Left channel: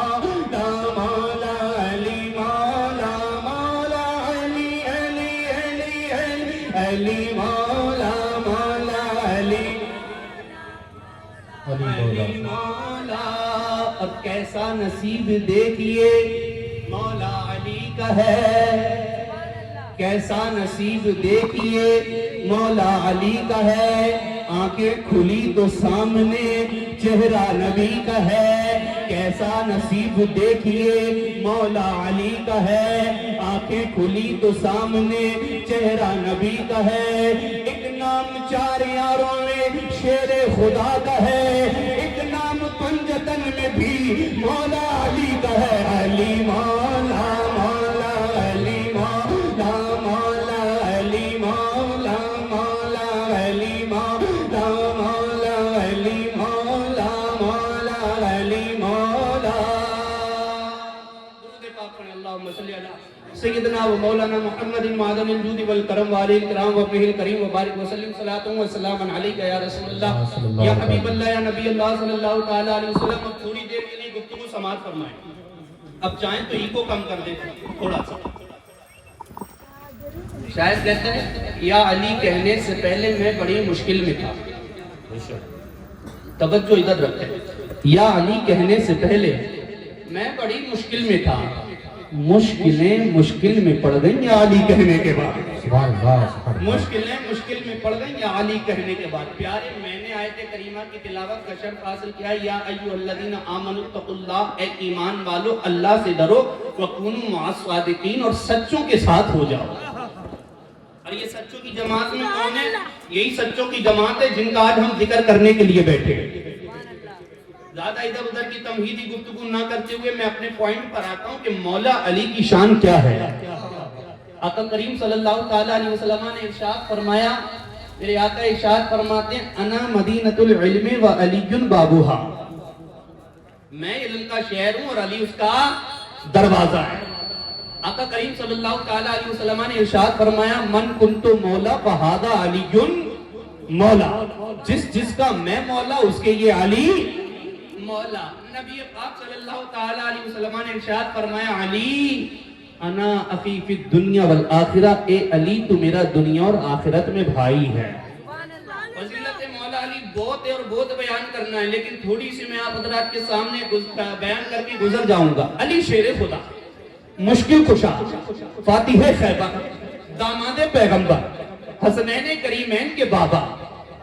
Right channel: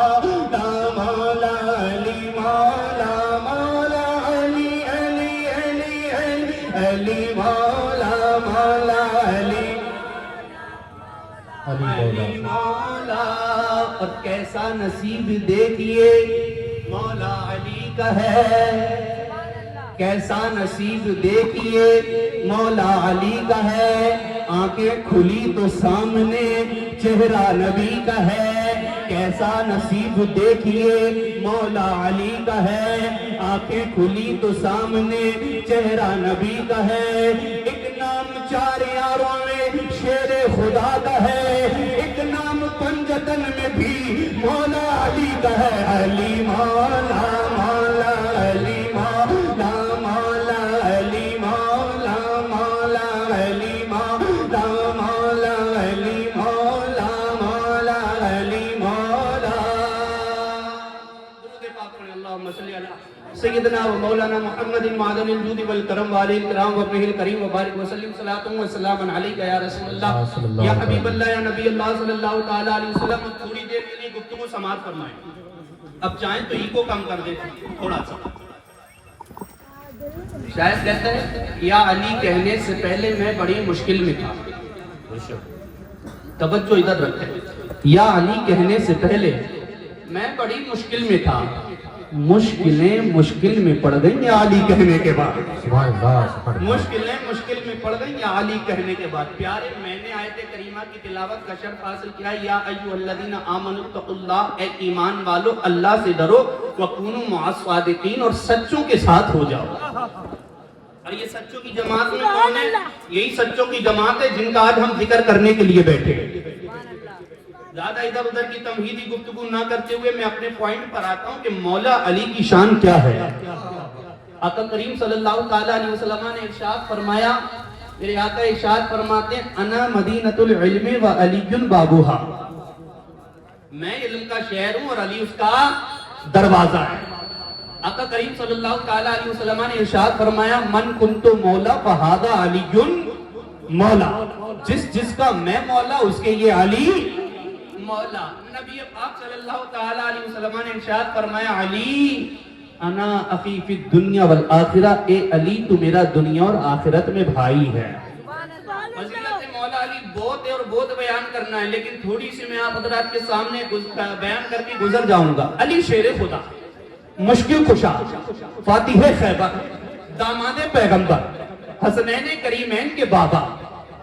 مولا مولا علی مولا مولا علی علی علی علی علی مولا مولا علی علی مولا. اور کیسا نصیب دیکھیے مولا علی کا ہے, کیسا نصیب دیکھیے مولا علی کا ہے. آنکھیں کھلی تو سامنے چہرہ نبی کا ہے. کیسا نصیب دیکھیے مولا علی کا ہے. آنکھیں کھلی تو سامنے چہرہ نبی کا ہے. ایک نام چار یاروں میں شیر خدا کا ہے. ایک نام پنجتن میں بھی مولا علی کا ہے. علی مولا مولا علی مولا مولا علی مولا مولا علی مولا مولا علی مولا مولا علی مولا. درود پاک پڑھیں. اللہم صلی علی سیدنا و مولانا محمد معدن الجود والکرم وآلہ الکرام وابنہ الکریم وبارک وسلم صلاۃ و سلام علیک یا رسول اللہ یا حبیب اللہ یا نبی اللہ صلی اللہ تعالی علیہ وسلم. تھوڑی دیر کے لیے گفتگو سماعت فرمائیں. اب چاہیں تو ایکو کم کر دیں تھوڑا سا. شاید کہتے ہیں یا علی کہنے سے پہلے میں بڑی مشکل میں تھا. توجہ ادھر رکھیں. یا علی کہنے سے پہلے میں بڑی مشکل میں تھا. مشکلیں مشکل میں پڑ گئیں یا علی کہنے کے بعد. مشکلیں مشکل میں پڑ گئیں یا علی کہنے کے بعد. پیارے میں نے آیت کریمہ کی تلاوت کا شرف حاصل کیا. یا ایھا الذین آمنوا اتقوا اللہ, اے ایمان والو اللہ سے ڈرو. وکونوا مع الصادقین, اور سچوں کے ساتھ ہو جاؤ. اور یہ سچوں کی جماعت میں کون ہے؟ یہی سچوں کی جماعت ہے جن کا آج ہم ذکر کرنے کے لیے بیٹھے ہیں. زیادہ ادھر ادھر کی تمہیدی گفتگو نہ کرتے ہوئے میں اپنے پوائنٹ پر آتا ہوں کہ مولا علی کی شان کیا ہے. آقا کریم صلی اللہ تعالی علیہ وسلم نے ارشاد فرمایا, میرے آقا ارشاد فرماتے ہیں انا مدینۃ العلم و علی بابوہا, میں علم کا شہر ہوں اور علی اس کا دروازہ ہے. آقا کریم صلی اللہ تعالی علیہ وسلم نے ارشاد فرمایا من کنت مولا فہذا علی مولا, جس کا میں مولا اس کے یہ علی مولا. نبی پاک صلی اللہ تعالی علیہ وسلم نے ارشاد فرمایا علی انا اخی فی الدنیا والآخرہ, اے علی تو میرا دنیا اور آخرت میں بھائی ہے. فضیلت مولا علی بہت ہے اور بہت بیان کرنا ہے, لیکن تھوڑی سی میں آپ حضرات کے سامنے بیان کر کے گزر جاؤں گا. علی شیر خدا, مشکل کشا, فاتح خیبر, داماد پیغمبر, حسنین کریمین کے بابا,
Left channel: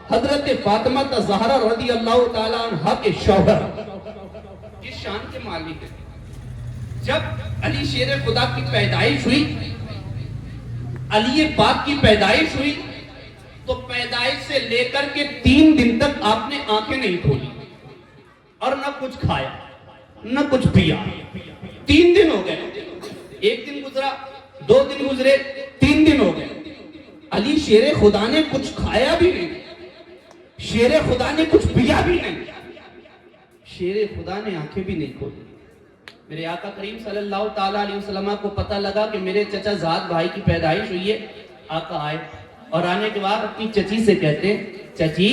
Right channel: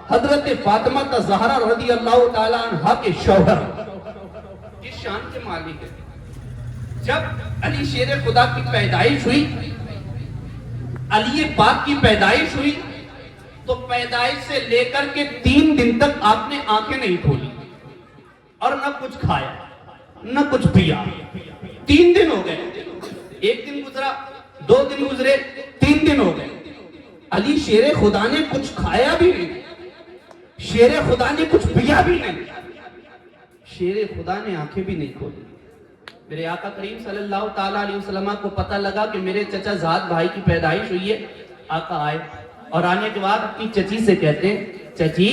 حضرت فاطمہ الزہرا رضی اللہ تعالیٰ عنہ کے شوہر, کس شان کے مالک ہے. جب علی شیر خدا کی پیدائش ہوئی, علی پاک کی پیدائش ہوئی, تو پیدائش سے لے کر کے 3 دن تک آپ نے آنکھیں نہیں کھولی اور نہ کچھ کھایا نہ کچھ پیا. 3 دن ہو گئے, 1 دن گزرا, 2 دن گزرے, 3 دن ہو گئے. علی شیر خدا نے کچھ کھایا بھی نہیں, شیر خدا نے کچھ پیا بھی نہیں, شیر خدا نے آنکھیں بھی نہیں کھولی. میرے آقا کریم صلی اللہ تعالیٰ علیہ وسلم کو پتہ لگا کہ میرے چچا زاد بھائی کی پیدائش ہوئی ہے. آقا آئے اور آنے کے بعد اپنی چچی سے کہتے چچی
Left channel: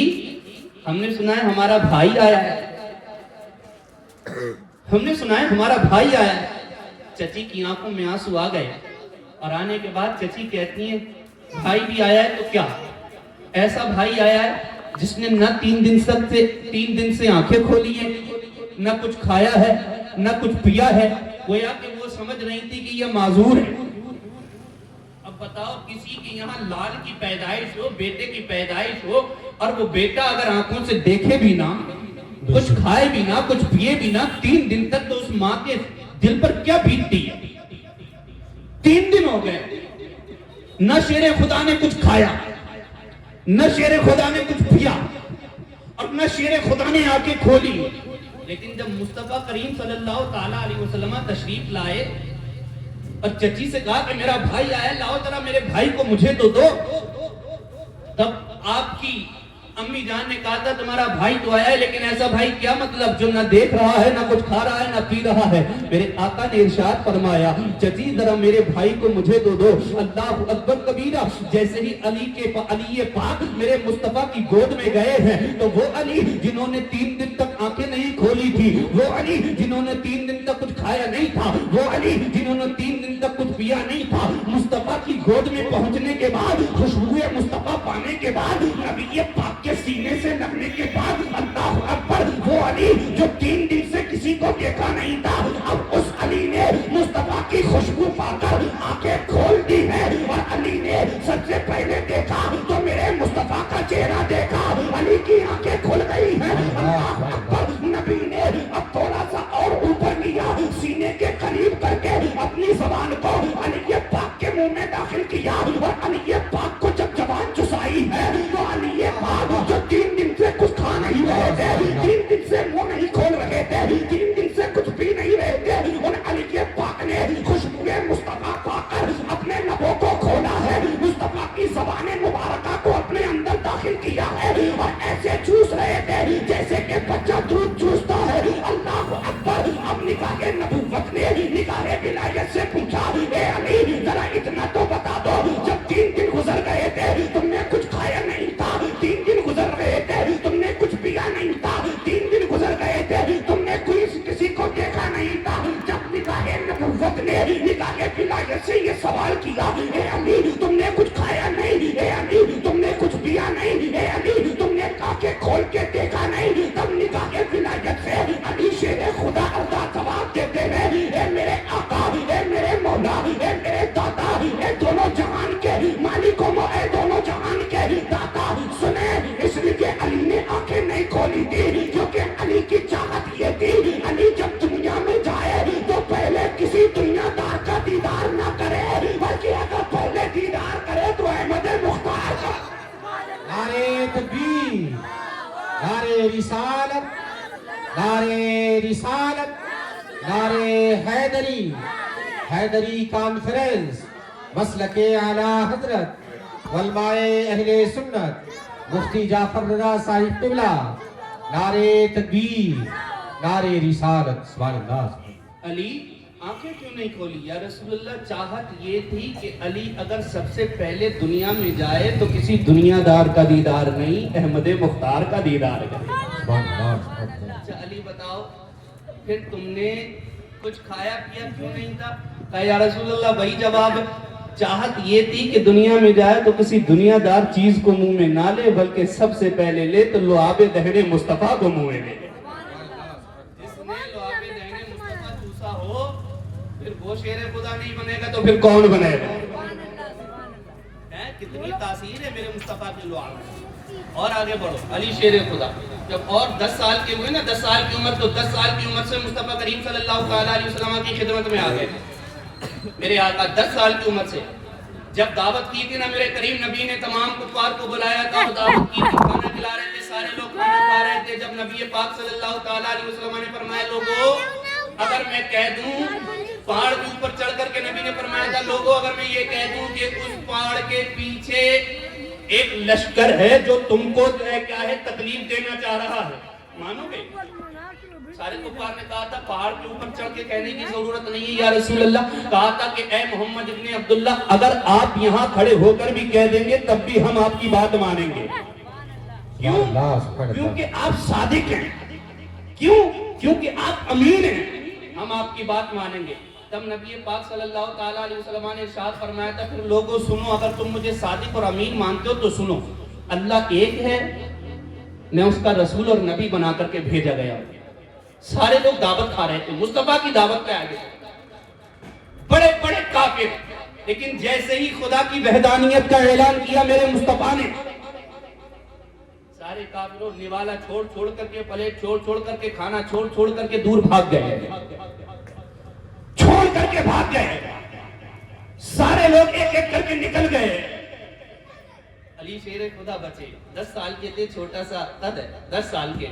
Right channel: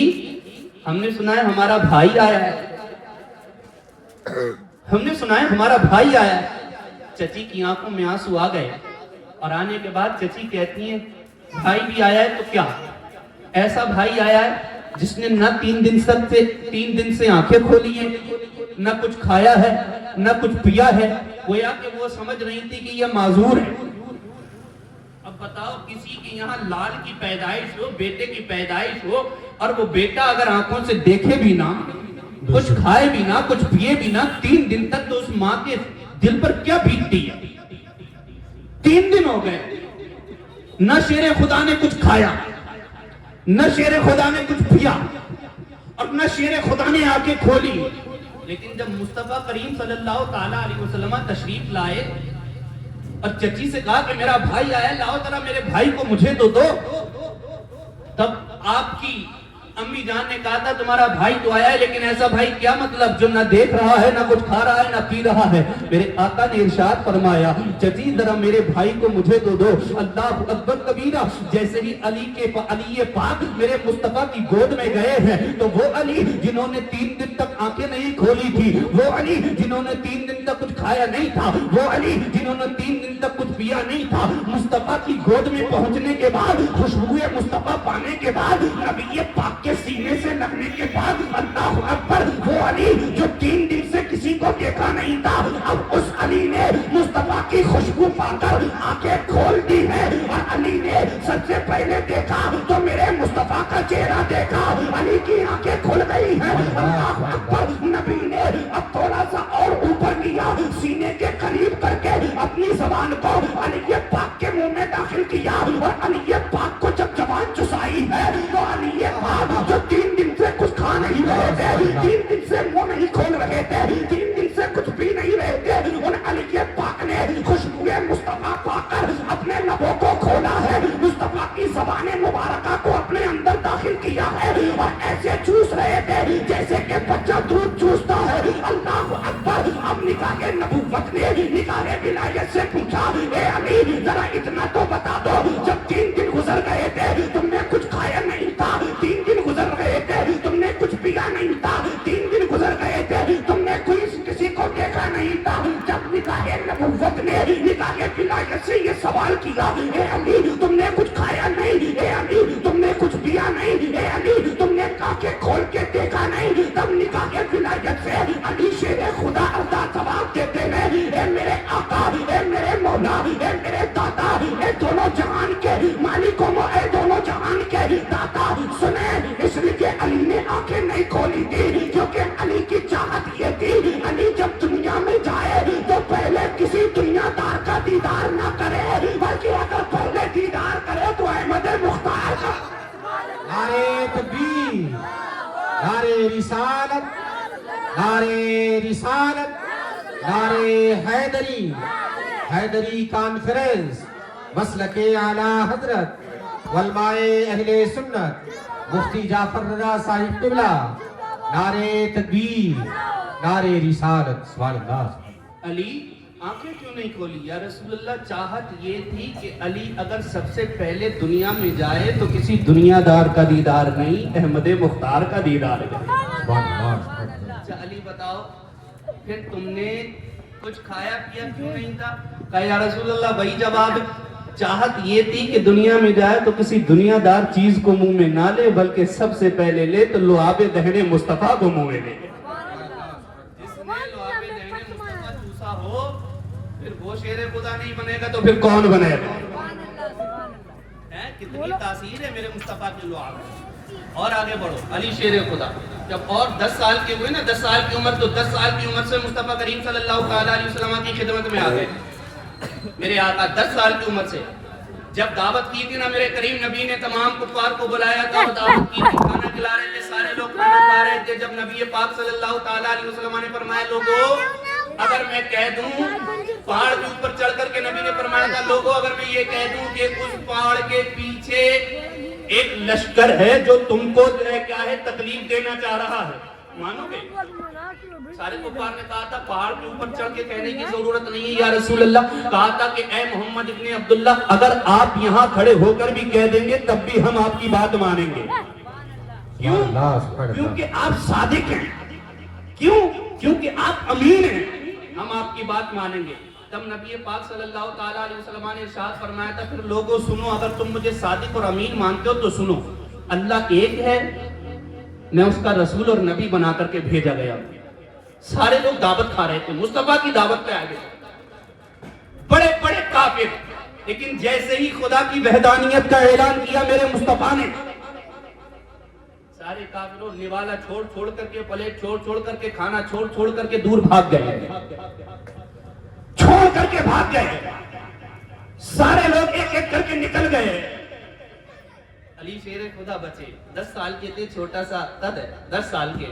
ہم نے سنا ہے ہمارا بھائی آیا ہے, ہم نے سنا ہے ہمارا بھائی آیا ہے. چچی کی آنکھوں میں آنسو آ گئے اور آنے کے بعد چچی کہتی ہیں بھائی بھی آیا ہے تو کیا, ایسا بھائی آیا ہے جس نے نہ 3 دن سے آنکھیں کھولی ہیں, نہ کچھ کھایا ہے نہ کچھ پیا ہے. گویا کہ وہ سمجھ رہی تھی کہ یہ معذور ہے. اب بتاؤ کسی کے یہاں لال کی پیدائش ہو, بیٹے کی پیدائش ہو, اور وہ بیٹا اگر آنکھوں سے دیکھے بھی نہ, کچھ کھائے بھی نہ, کچھ پیے بھی نہ 3 دن تک, تو اس ماں کے دل پر کیا بیتتی ہے. 3 دن ہو گئے, نہ شیر خدا نے کچھ کھایا, نہ شیر خدا نے کچھ پیا, اور نہ شیر خدا نے آنکھیں کھولی. لیکن جب مصطفیٰ کریم صلی اللہ تعالیٰ علیہ وسلم تشریف لائے اور چچی سے کہا کہ میرا بھائی آیا, لاؤ ذرا میرے بھائی کو مجھے تو دو, تب آپ کی امی جان نے کہا تھا تمہارا بھائی تو آیا ہے، لیکن ایسا بھائی کیا مطلب جو نہ دیکھ رہا ہے، نہ کچھ کھا رہا ہے، نہ پی رہا ہے؟ میرے آقا نے ارشاد فرمایا چچی ذرا میرے بھائی کو مجھے دو۔ اللہ اکبر کبیرہ۔ جیسے ہی علی پاک میرے مصطفیٰ کی گود میں گئے ہیں تو وہ علی جنہوں نے 3 دن تک آنکھیں نہیں کھولی تھی، وہ علی جنہوں نے 3 دن تک کچھ کھایا نہیں تھا، وہ علی جنہوں نے 3 دن تک کچھ پیا نہیں تھا، مصطفیٰ کی گود میں پہنچنے کے بعد، خوشبو مصطفیٰ پانے کے بعد، نبی پاک کے سینے سے لگنے کے بعد، اللہ اکبر، وہ علی جو 3 دن سے کسی کو دیکھا نہیں تھا، اب اس علی نے مصطفیٰ کی خوشبو پا کر آنکھیں کھول دی ہے، اور علی نے سب سے پہلے دیکھا تو میرے مصطفیٰ کا چہرہ دیکھا، علی کی آنکھیں کھل گئی ہیں۔ اللہ اکبر۔ نبی نے اب تھوڑا سا اور اوپر لیا، سینے کے قریب کر کے اپنی زبان کو علی پاک کے منہ میں داخل کیا، اور علی پاک کو جب زبان چسائی ہے تو علی پاک جو 3 دن سے کچھ کھا نہیں رہے تھے، 3 دن سے منہ نہیں کھول رہے تھے، 3 دن سے کچھ پی نہیں رہے تھے، ان علی پاک نے خوشبو مصطفیٰ پا کر اپنے لبوں کو کھولا ہے، مصطفیٰ کی زبان مبارکہ کو اپنے اندر داخل کیا ہے، اور ایسے چوس رہے تھے جیسے کہ بچہ دودھ چوستا ہے۔ اللہ اکبر۔ اب نگاہ نبوت نے نگاہ ولایت سے پوچھا اے علی ذرا اتنا تو بتا دو، جب 3 دن گزر گئے تھے تم نے کچھ کھایا نہیں تھا، 3 دن گزر گئے تھے تم نے کچھ پیا نہیں تھا، 3 دن گزر گئے تھے تم نے کسی کو دیکھا نہیں تھا، جب نگاہ نبوت نے نگاہ ولایت سے یہ سوال کیا اے علی تم نے کچھ کھایا نہیں، اے علی تم نے کچھ پیا نہیں، اے علی تم نے آنکھیں کھول کے دیکھا نہیں، تب نگاہ ولایت سے علی شیر خدا اللہ جواب دیتے ہیں اے میرے آقا، اے میرے مولا، اے میرے دادا، اے دونوں جہان کے مالک و اے دونوں جہان کے دادا، سنیں اس لیے علی نے آنکھیں نہیں کھولی تھی کیونکہ علی کی چاہت یہ تھی علی جب دنیا میں جائے تو پہلے کسی دنیا دار کا دیدار نہ کرے، بلکہ اگر پہلے دیدار کرے تو احمد مختار کا۔ نعرے تکبیر، نعرے رسالت، نعرے رسالت، نعرے حیدری، حیدری کانفرنس، مسلک اعلیٰ حضرت علماء اہل سنت مفتی جعفر رضا صاحب قبلہ، نعرے تکبیر، نعرے رسالت۔ سبحان اللہ۔ علی آنکھیں کیوں نہیں کھولی؟ یا رسول اللہ چاہت یہ تھی کہ علی اگر سب سے پہلے دنیا میں جائے تو کسی دنیا دار کا دیدار نہیں، احمد مختار کا دیدار کرے۔ اچھا علی بتاؤ پھر تم نے کچھ کھایا پیا کیوں نہیں تھا؟ کہا یا رسول اللہ وہی جواب، چاہت یہ تھی کہ دنیا میں جائے تو کسی دنیا دار چیز کو منہ میں نہ لے، بلکہ سب سے پہلے لے تو لعاب دہن مصطفیٰ کو منہ میں لے۔ جس نے لعاب دہن مصطفیٰ چوسا ہو پھر وہ شیر خدا نہیں بنے گا تو پھر کون بنے گا؟ کتنی تاثیر ہے میرے مصطفیٰ کے لعاب میں۔ اور آگے بڑھو، علی شیر خدا جب اور 10 سال کے ہوئے نا، 10 سال کی عمر، تو 10 سال کی عمر سے مصطفیٰ کریم صلی اللہ علیہ وسلم کی خدمت میں آ گئے۔ میرے آقا 10 سال کی عمر سے جب دعوت کی تھی نا میرے کریم نبی نے تمام کفار کو بلایا تھا اور دعوت کی تھی، کھانا کھلا رہے تھے، سارے لوگ کھانا کھا رہے تھے، جب نبی پاک صلی اللہ علیہ وسلم نے فرمایا لوگوں اگر میں کہہ دوں، پہاڑ کے اوپر چڑھ کر کے نبی نے فرمایا تھا لوگوں اگر میں یہ کہہ دوں کہ اس پہاڑ کے پیچھے ایک لشکر ہے جو تم کو کیا ہے تکلیف دینا چاہ رہا ہے، مانو گے؟ سارے کفار نے کہا تھا پہاڑ کے اوپر چڑھ کے کہنے کی ضرورت نہیں ہے یا رسول اللہ، کہا تھا کہ اے محمد ابن عبداللہ اگر آپ یہاں کھڑے ہو کر بھی کہہ دیں گے تب بھی ہم آپ کی بات مانیں گے۔ کیوں؟ کیونکہ آپ صادق ہیں، کیوں؟ کیونکہ آپ امین ہیں، ہم آپ کی بات مانیں گے۔ تب نبی پاک صلی اللہ تعالیٰ علیہ وسلم نے ارشاد فرمایا تھا پھر لوگوں سنو، اگر تم مجھے صادق اور امین مانتے ہو تو سنو، اللہ ایک ہے، میں اس کا رسول اور نبی بنا کر کے بھیجا گیا۔ سارے لوگ دعوت کھا رہے تھے، مصطفیٰ کی دعوت پہ آئے گئے، بڑے بڑے کافر، لیکن جیسے ہی خدا کی وحدانیت کا اعلان کیا میرے مصطفیٰ نے، سارے کافروں نوالا چھوڑ چھوڑ کر کے، پلیٹ چھوڑ چھوڑ کر کے، کھانا چھوڑ چھوڑ کر کے دور بھاگ گئے، چھوڑ کر کے بھاگ گئے، سارے لوگ ایک ایک کر کے نکل گئے۔ علی شیر خدا بچے، 10 سال کے تھے، چھوٹا سا قد ہے، 10 سال کے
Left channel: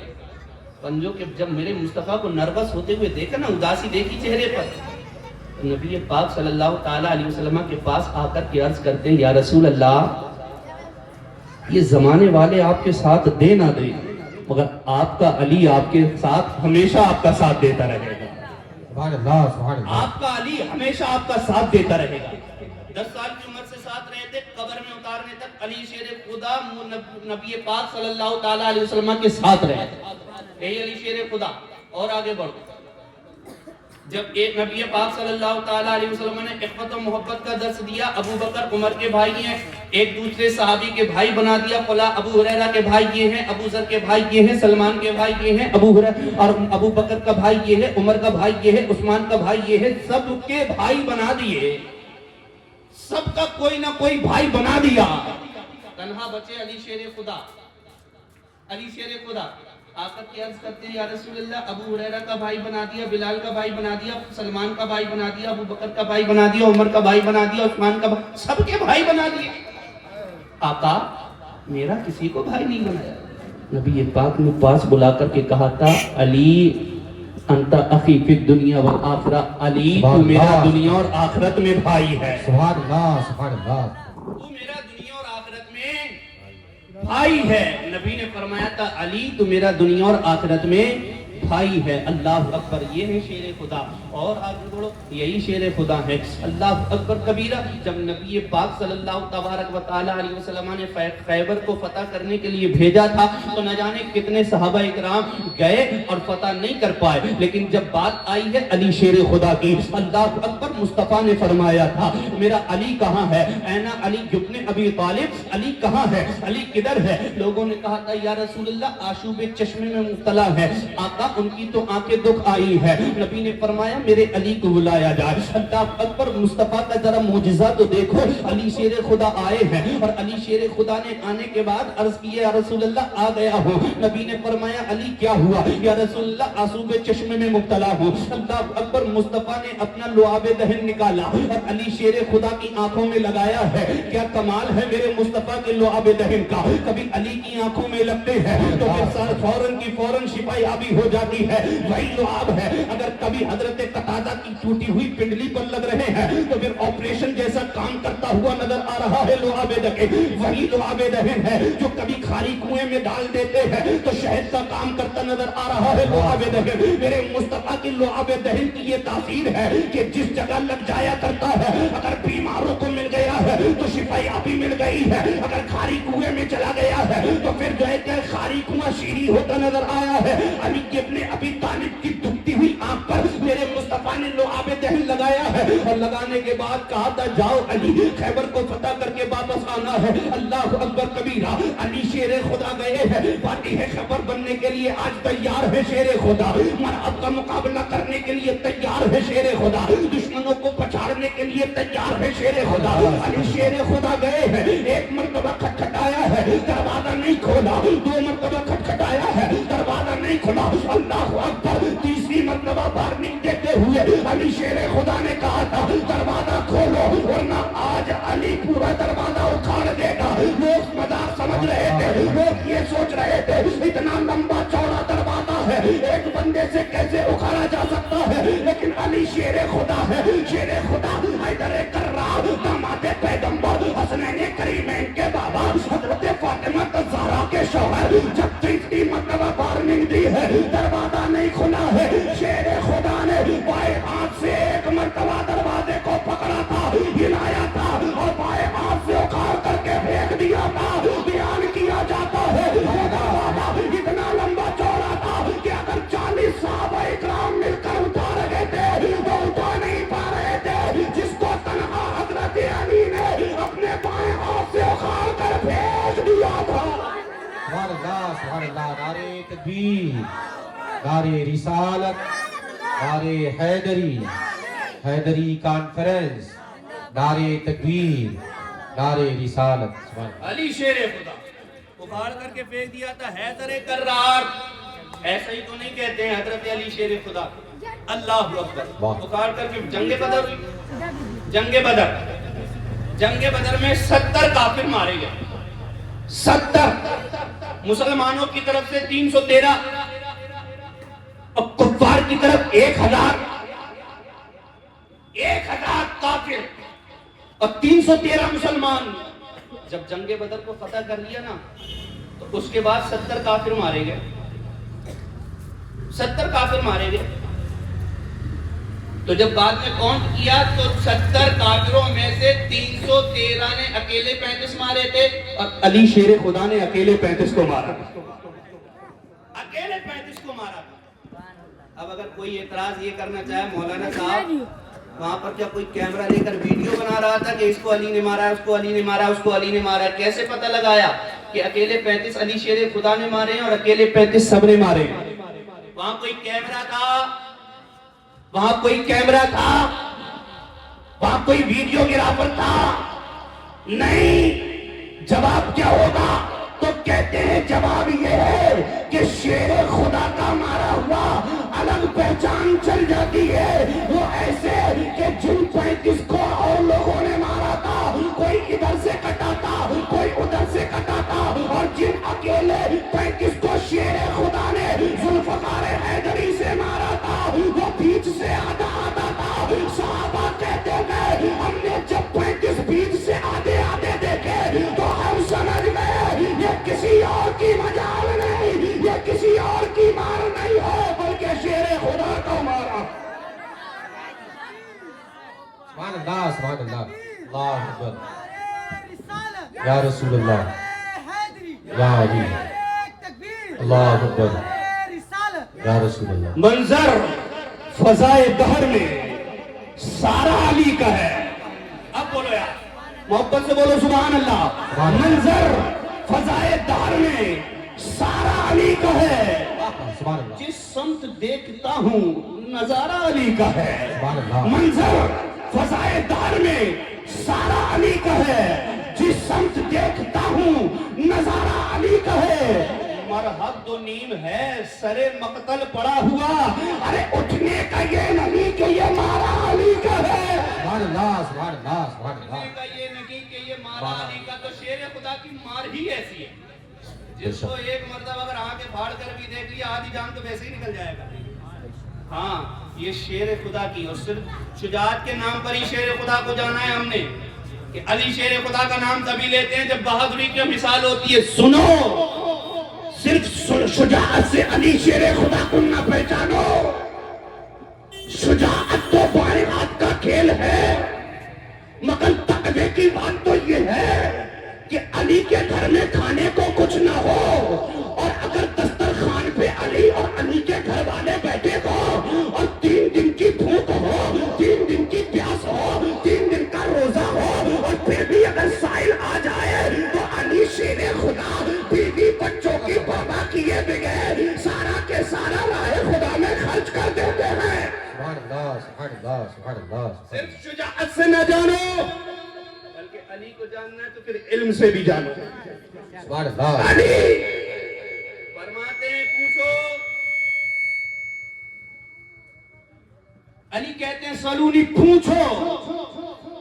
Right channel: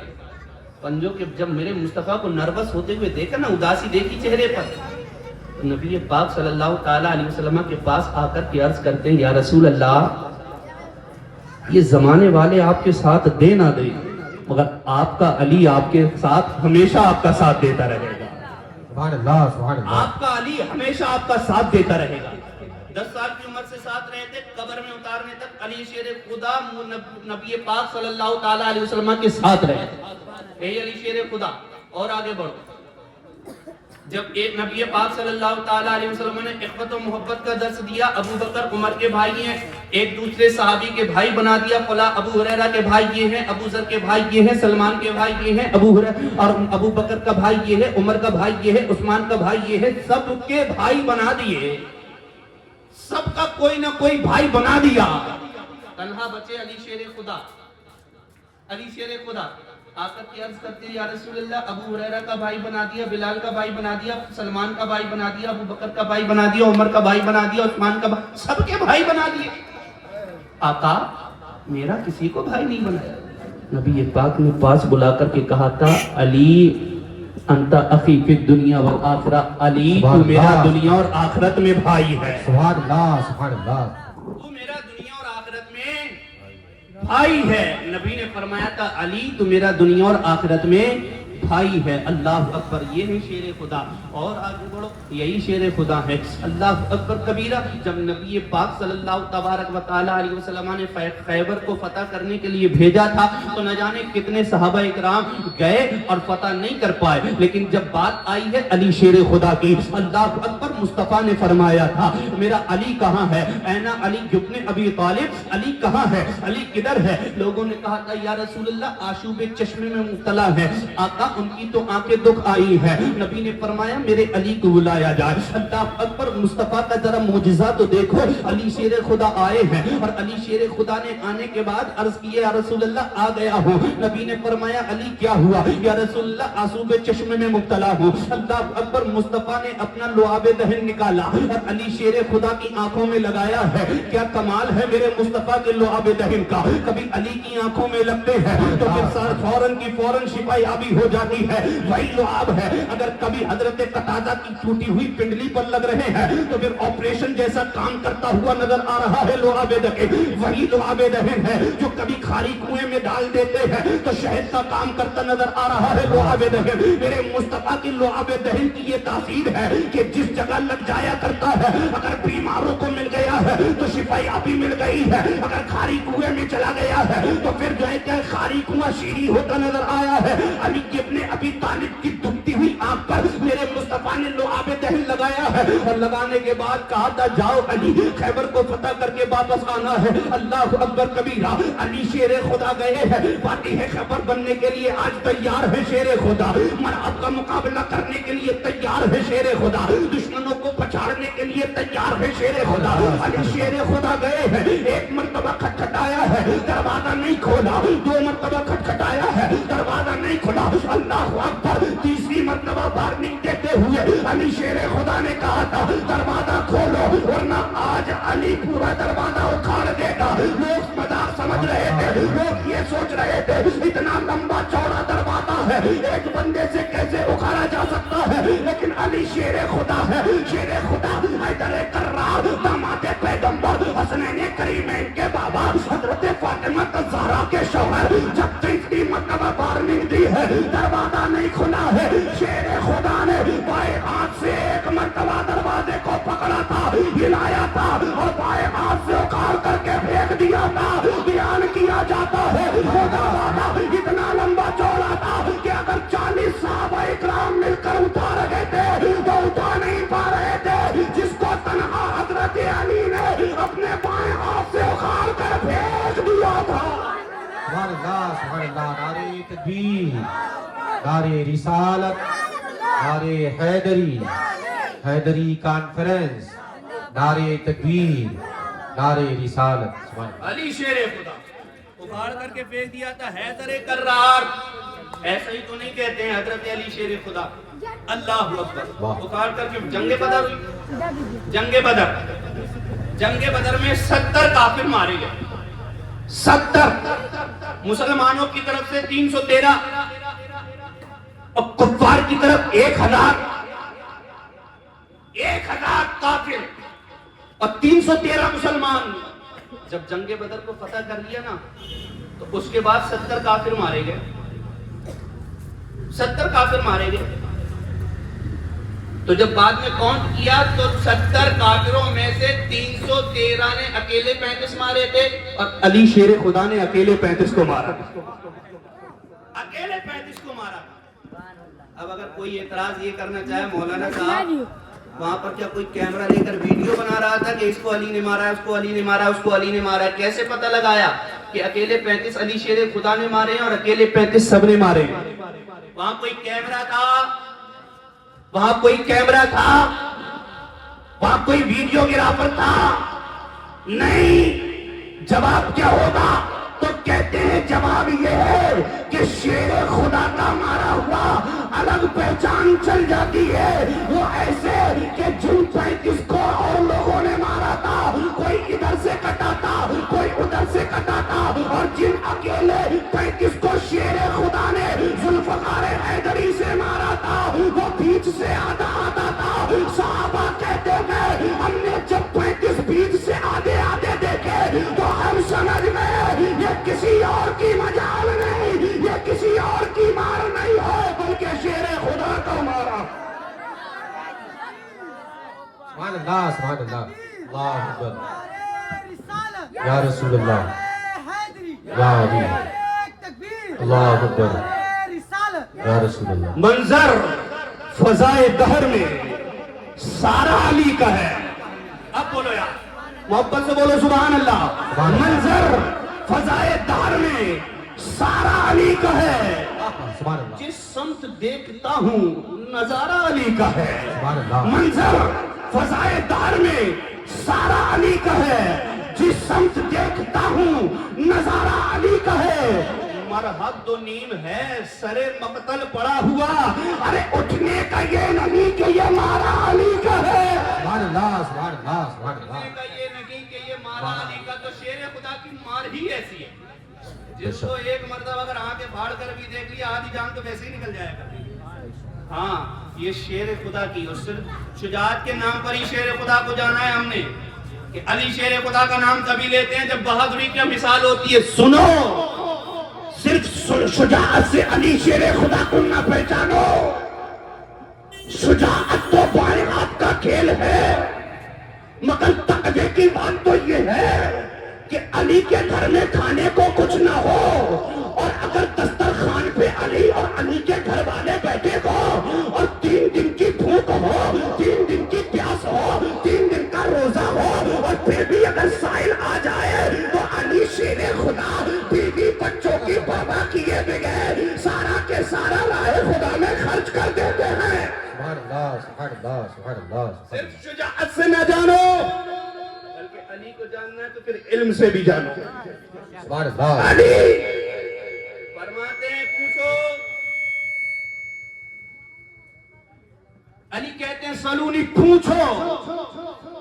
پنجوں کے، جب میرے مصطفیٰ کو نروس ہوتے ہوئے دیکھا نا، اداسی دیکھی چہرے پر، تو نبی پاک صلی اللہ تعالیٰ علیہ وسلم کے پاس آ کر کے عرض کرتے ہیں یا رسول اللہ یہ زمانے والے آپ کے ساتھ دے نہ دے، مگر آپ کا علی آپ کے ساتھ ہمیشہ آپ کا ساتھ دیتا رہے گا۔ سبحان اللہ، سبحان اللہ۔ آپ کا علی ہمیشہ آپ کا ساتھ دیتا رہے گا۔ 10 سال کی عمر سے ساتھ رہے تھے، قبر میں اتارنے تک علی شیر خدا نبی پاک صلی اللہ تعالیٰ علیہ وسلم کے ساتھ رہے تھے۔ اے علی شیر خدا، اور آگے بڑھو۔ جب ایک نبی پاک صلی اللہ تعالیٰ علیہ وسلم نے اخوت و محبت کا درس دیا، ابو بکر عمر کے بھائی ہیں، ایک دوسرے صحابی کے بھائی بنا دیا، فلاں ابو ہریرہ کے بھائی یہ ہیں، ابو ذر کے بھائی یہ ہیں، سلمان کے بھائی یہ ہیں، اور ابو بکر کا بھائی یہ ہے، عمر کا بھائی یہ ہے، عثمان کا بھائی یہ ہے، سب کے بھائی بنا دیے، سب کا کوئی نہ کوئی بھائی بنا دیا، تنہا بچے علی شیر خدا۔ علی شیر خدا آقا کی عرض کرتے ہیں، یا رسول اللہ، ابو ہریرہ کا بھائی بنا دیا، بلال کا بھائی بنا دیا، سلمان کا بھائی بنا دیا، ابو بکر کا بھائی بنا دیا، عمر کا بھائی بنا دیا، عثمان کا بھائی، سب کے بھائی بنا دیے۔ آقا میرا کسی کو بھائی نہیں بنایا۔ نبی پاک نے پاس بلا کر کے کہا تھا، علی انت اخی فی الدنیا والآخرہ، علی تو میرا دنیا اور آخرت میں بھائی ہے۔ سبحان اللہ، سبحان اللہ۔ تو میرا دنیا اور آخرت میں بھائی ہے۔ نبی نے فرمایا تھا، علی تو میرا دنیا اور آخرت میں بھائی ہے۔ اللہ اکبر، یہ ہے شیر خدا۔ اور آگے بڑھو، یہی شیر خدا ہے۔ اللہ اکبر کبیرہ۔ جب نبی پاک صلی اللہ تبارک و تعالیٰ علیہ وسلم نے خیبر کو فتح کرنے کے لیے بھیجا تھا، تو نہ جانے کتنے صحابہ اکرام گئے اور فتح نہیں کر پائے، لیکن جب بات آئی ہے علی شیر خدا کی، اللہ اکبر، مصطفیٰ نے فرمایا تھا، میرا علی کہاں ہے؟ اینا علی ابن ابی طالب، علی کہاں ہے؟ علی کدھر ہے؟ لوگوں نے کہا تھا، یا رسول اللہ آشوب چشمے میں مبتلا ہے، آقا ان کی تو آنکھیں دکھ آئی ہے۔ نبی نے فرمایا، میرے علی کو بلایا جائے۔ اللہ اکبر، مصطفیٰ کا ذرا معجزہ تو دیکھو، علی شیر خدا آئے ہیں، اور علی شیر خدا نے آنے کے بعد عرض کی، یا رسول اللہ آ گیا ہوں۔ نبی نے فرمایا، علی کیا ہوا؟ یا رسول اللہ آشوب چشمے میں مبتلا ہوں۔ اللہ اکبر، مصطفیٰ نے اپنا لعاب دہن نکالا اور علی شیر خدا کی آنکھوں میں لگایا ہے۔ کیا کمال ہے میرے مصطفیٰ کے لعاب دہن کا، کبھی علی کی آنکھوں میں لگتے ہیں تو پھر فوراً کی فوراً شفا یابی ہو جاتی ہے، وہی لعاب ہے۔ اگر کبھی حضرت قتادہ کی ٹوٹی ہوئی پنڈلی پر لگ رہے ہیں تو پھر آپریشن جیسا کام کرتا ہوا نظر آ رہا ہے لعاب دہن، وہی لعاب دہن ہے۔ جو کبھی خالی کنویں میں ڈال دیتے ہیں تو شہد کا کام کرتا نظر آ رہا ہے لعاب دہن۔ میرے مصطفیٰ کی لعاب دہن کی یہ تاثیر ہے کہ جس جگہ لگ جایا کرتا ہے، اگر بیماروں کو مل گیا ہے تو شفا یابی مل گئی ہے، اگر خالی کنویں میں چلا گیا ہے تو پھر جو ہے کہ خالی کنواں شیریں ہوتا نظر آیا ہے۔ علی ابن ابی طالب کی دکھتی ہوئی آنکھ پر میرے مصطفیٰ نے لعاب دہن لگایا ہے، اور لگانے کے بعد کہا تھا، جاؤ علی، خیبر کو فتح کر کے واپس آنا ہے۔ اللہ اکبر کبیرہ، علی شیر خدا گئے ہیں، فاتح خیبر بننے کے لیے آج تیار ہے شیر خدا، مرحب کا مقابلہ کرنے کے لیے تیار ہے شیر خدا، دشمنوں کو پچھاڑنے کے لیے تیار ہے شیر خدا۔ علی شیر خدا گئے ہیں، ایک مرتبہ کھٹکھٹایا ہے، دروازہ نہیں کھولا، 2 مرتبہ کھٹکھٹایا ہے، دروازہ نہیں کھولا، اللہ اکبر، تیسری مرتبہ وارننگ دیتے ہوئے علی شیر خدا نے کہا تھا، دروازہ کھولو ورنہ آج علی پورا دروازہ اکھاڑ دے گا۔ لوگ مذاق سمجھ رہے تھے، لوگ یہ سوچ رہے تھے، اتنا لمبا چوڑا دروازہ ہے، ایک بندے سے کیسے اکھاڑا جا سکتا ہے، لیکن علی شیر خدا ہے، شیر خدا، حیدر کرار، داماد پیغمبر، حسنین کریمین کے بابا، حضرت فاطمہ الزہرا کے شوہر، جب تیسری مرتبہ وارننگ دی ہے، دروازہ نہیں کھلا ہے، شیر خدا نے بائیں ہاتھ سے ایک مرتبہ دروازے کو پکڑا تھا، ہلایا تھا، اور بائیں ہاتھ سے اکھاڑ کر کے پھینک دیا تھا۔ بیان کیا جاتا ہے دروازہ اتنا لمبا چوڑا تھا کہ اگر 40 صحابہ اکرام مل کر اٹھا رہے تھے تو اٹھا نہیں پا رہے تھے، جس کو تنہا حضرت علی نے اپنے بائیں ہاتھ سے اکھاڑ کر پھینک دیا تھا۔ سبحان اللہ، سبحان اللہ۔ نعرہ تکبیر، نعرہ رسالت، نعرہ حیدری، حیدری کانفرنس، نعرہ تکبیر، نعرہ رسالت۔ سبحان اللہ۔ علی شیر خدا اکھاڑ کر کے پھینک دیا تھا، حیدر کرار، ایسا ہی تو نہیں کہتے ہیں حضرت علی شیر خدا۔ اللہ اکبر، اکھاڑ کر کے جنگ بدر ہوئی، جنگ بدر میں 70 کافر مارے گئے، 70 مسلمانوں کی طرف سے 313 اور کفار کی طرف 1000 کافر اور 313 مسلمان، جب جنگ بدر کو فتح کر لیا نا تو اس کے بعد 70 کافر مارے گئے، 70 کافر مارے گئے۔ تو جب بعد میں کاؤنٹ کیا تو 70 کافروں میں سے 313 نے اکیلے 35 مارے تھے اور علی شیر خدا نے اکیلے 35 کو مارا، اکیلے 35 کو مارا۔ اب اگر کوئی اعتراض یہ کرنا چاہے مولانا صاحب وہاں پر کیا کوئی کیمرہ لے کر ویڈیو بنا رہا تھا کہ اس کو علی نے مارا، اس کو علی نے مارا، اس کو علی نے مارا، کیسے پتہ لگایا کہ اکیلے 35 علی شیر خدا نے مارے ہیں اور اکیلے 35 سب نے مارے ہیں؟ وہاں کوئی کیمرہ تھا، وہاں کوئی کیمرہ تھا، وہاں کوئی ویڈیو گرافر تھا؟ نہیں۔ جواب کیا ہوگا؟ تو کہتے ہیں جواب یہ ہے کہ شیر خدا کا مارا ہوا الگ پہچان چل جاتی ہے، وہ ایسے کہ جن 35 کو اور لوگوں نے مارا تھا کوئی ادھر سے کٹا تھا کوئی ادھر سے کٹا تھا، اور جن اکیلے 35 کو شیر خدا نے ذوالفقار حیدری سے مارا تھا وہ بیچ سے آدھا آدھا تھا۔ صحابہ کہتے ہیں ہم نے جب 35 بیچ سے آدھے آدھے دیکھے تو ہم سمجھ گئے یہ کسی اور کی مجال نہیں، یہ کسی اور کی مار نہیں ہے بلکہ شیر خدا کا مارا۔ سبحان اللہ سبحان اللہ، اللہ اکبر، یا رسول اللہ، یا علی، اللہ اکبر، یا رسول اللہ۔ منظر فضائے دہر میں سارا علی کا ہے۔ اب بولو یار محبت سے بولو سبحان اللہ۔ منظر فضائے دہر میں سارا علی کا ہے، سبحان اللہ، جس سمت دیکھتا ہوں نظارہ علی کا ہے۔ سبحان اللہ، منظر فضائے دہر میں سارا علی کا ہے، جس سمت دیکھتا ہوں نظارہ علی کا ہے۔ مرحد و نیم ہے سرے مقتل پڑا ہوا، ارے اٹھنے کا یہ نہیں کہ یہ مارا علی کا ہے، سبحان اللہ، سبحان اللہ، سبحان اللہ، اٹھنے کا یہ نہیں کہ یہ مارا علی کا۔ تو شیر خدا کی مار ہی ایسی ہے جس کو ایک مرتبہ اگر آنکھیں پھاڑ کر بھی دیکھ لیا آدھی جان تو ویسے ہی نکل جائے گا۔ ہاں یہ شیر خدا کی، اور صرف شجاعت کے نام پر ہی شیر خدا کو جانا ہے ہم نے کہ علی شیر خدا کا نام تبھی لیتے ہیں جب بہادری کی مثال ہوتی ہے۔ سنو، صرف شجاعت سے علی شیر خدا کو نہ پہچانو، شجاعت تو بالغات کا کھیل ہے، مگر تقوی کی بات تو یہ ہے کہ علی کے گھر میں کھانے کو کچھ نہ ہو، اور اگر دسترخوان پہ علی اور علی کے گھر والے بیٹھے ہو اور 3 دن کی بھوک ہو، 3 دن کی پیاس ہو، 3 دن کا روزہ ہو، اور پھر بھی اگر سائل آ جائے تو علی شیر خدا بیوی بچوں کی بابا کیے بغیر سارا کے سارا راہ خدا میں خرچ کر دیتے ہیں۔ سبحان اللہ، سبحان اللہ، سبحان اللہ، صرف شجاعت سے نہ جانو بلکہ علی کو جاننا ہے تو پھر علم سے بھی جانو۔ سبحان اللہ، علی فرماتے ہیں پوچھو، علی کہتے ہیں سلونی پوچھو،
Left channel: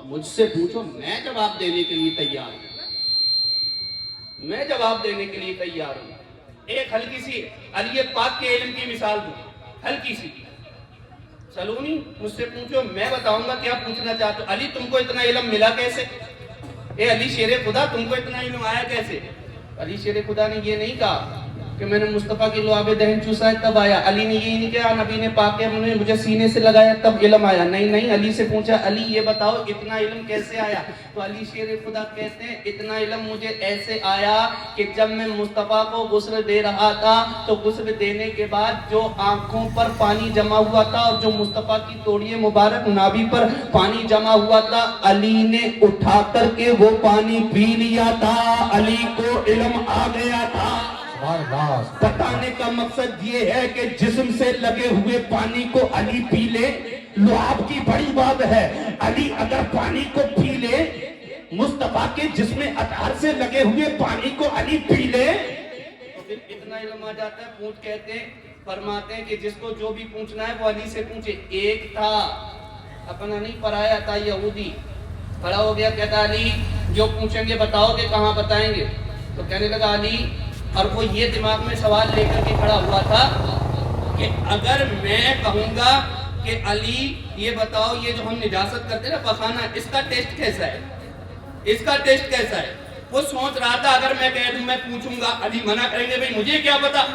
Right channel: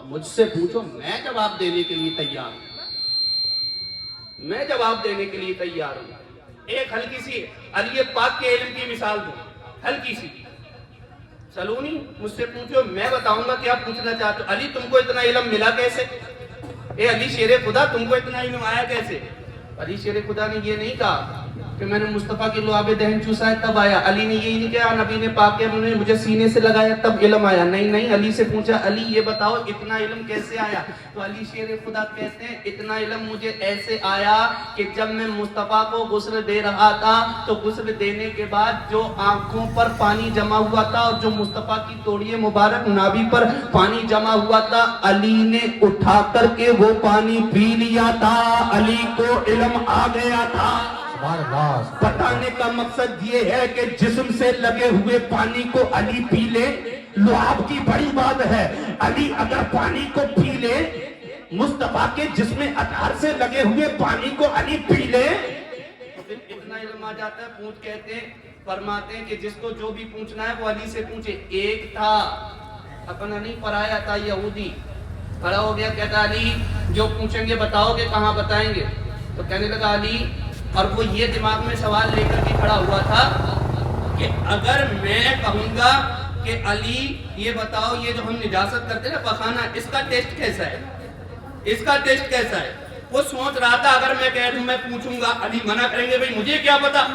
مجھ سے پوچھو، میں جواب دینے کے لیے تیار ہوں، میں جواب دینے کے لیے تیار ہوں۔ ایک ہلکی سی علی پاک کے علم کی مثال دوں، ہلکی سی، سلونی مجھ سے پوچھو، میں بتاؤں گا کیا پوچھنا چاہتے ہو۔ علی تم کو اتنا علم ملا کیسے؟ اے علی شیر خدا تم کو اتنا علم آیا کیسے؟ علی شیر خدا نے یہ نہیں کہا کہ میں نے مصطفیٰ کی لعاب دہن چوسا ہے تب آیا، علی نے یہ نہیں کہا نبی نے پاک کے مجھے سینے سے لگایا تب علم آیا، نہیں نہیں، علی سے پوچھا علی یہ بتاؤ اتنا علم کیسے آیا؟ تو علی شیر خدا کہتے ہیں اتنا علم مجھے ایسے آیا کہ جب میں مصطفیٰ کو غسل دے رہا تھا تو غسل دینے کے بعد جو آنکھوں پر پانی جمع ہوا تھا اور جو مصطفیٰ کی توڑیے مبارک نابی پر پانی جمع ہوا تھا علی نے اٹھا کر کے وہ پانی پی لیا تھا، علی کو علم آ گیا تھا۔ بتانے کا مقصد یہ ہے کہ جسم سے لگے ہوئے پانی کو علی پی لے، لعاب کی بڑی بات ہے، علی اگر پانی کو پی لے، مصطفیٰ کے جسم اطہر سے لگے ہوئے پانی کو علی پی لے تو پھر اتنا علم آ جاتا ہے۔ پوچھ کہتے ہیں، فرماتے ہیں کہ جس کو جو بھی پوچھنا ہے وہ علی سے پوچھے۔ ایک تھا اپنا نہیں پرایا تھا یہودی، کھڑا ہو گیا، کہتا علی جو پوچھیں گے بتاؤ گے، کہاں بتائیں گے؟ تو کہنے لگا علی، اور وہ یہ دماغ میں سوال لے کر کے کھڑا ہوا تھا کہ اگر میں کہوں گا کہ علی یہ بتاؤ یہ جو ہم نجاست کرتے ہیں نا پخانہ، اس کا ٹیسٹ کیسا ہے، اس کا ٹیسٹ کیسا ہے؟ وہ سوچ رہا تھا اگر میں کہہ دوں میں پوچھوں گا علی منع کریں گے بھئی مجھے کیا پتا،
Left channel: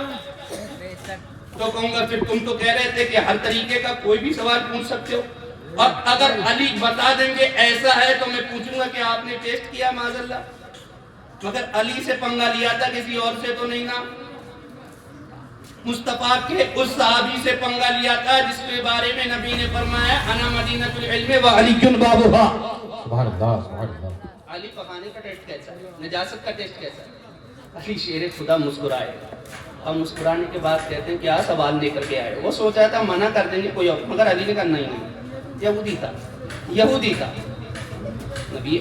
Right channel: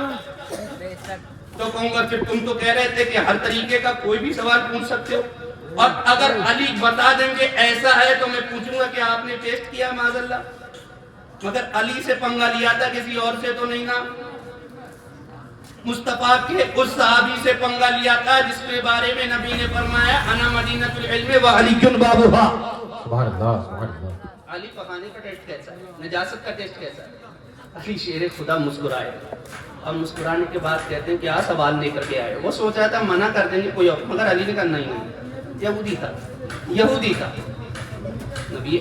تو کہوں گا پھر تم تو کہہ رہے تھے کہ ہر طریقے کا کوئی بھی سوال پوچھ سکتے ہو، اور اگر علی بتا دیں گے ایسا ہے تو میں پوچھوں گا کہ آپ نے ٹیسٹ کیا معاذ اللہ، مگر علی سے پنگا لیا تھا کسی اور سے تو نہیں نا، مصطفیٰ کے اس صحابی سے پنگا لیا تھا جس کے بارے میں نبی نے فرمایا انا مدینۃ العلم وعلی بابھا۔ سبحان اللہ سبحان اللہ۔ علی پخانے کا ٹیسٹ کیسا ہے، نجاست کا ٹیسٹ کیسا ہے؟ علی شیر خدا مسکرائے اور مسکرانے کے بعد کہتے ہیں کیا سوال لے کر کے آئے، وہ سوچا تھا منع کر دیں گے کوئی اور، مگر علی نے کہا نہیں، یہودی تھا۔ نبی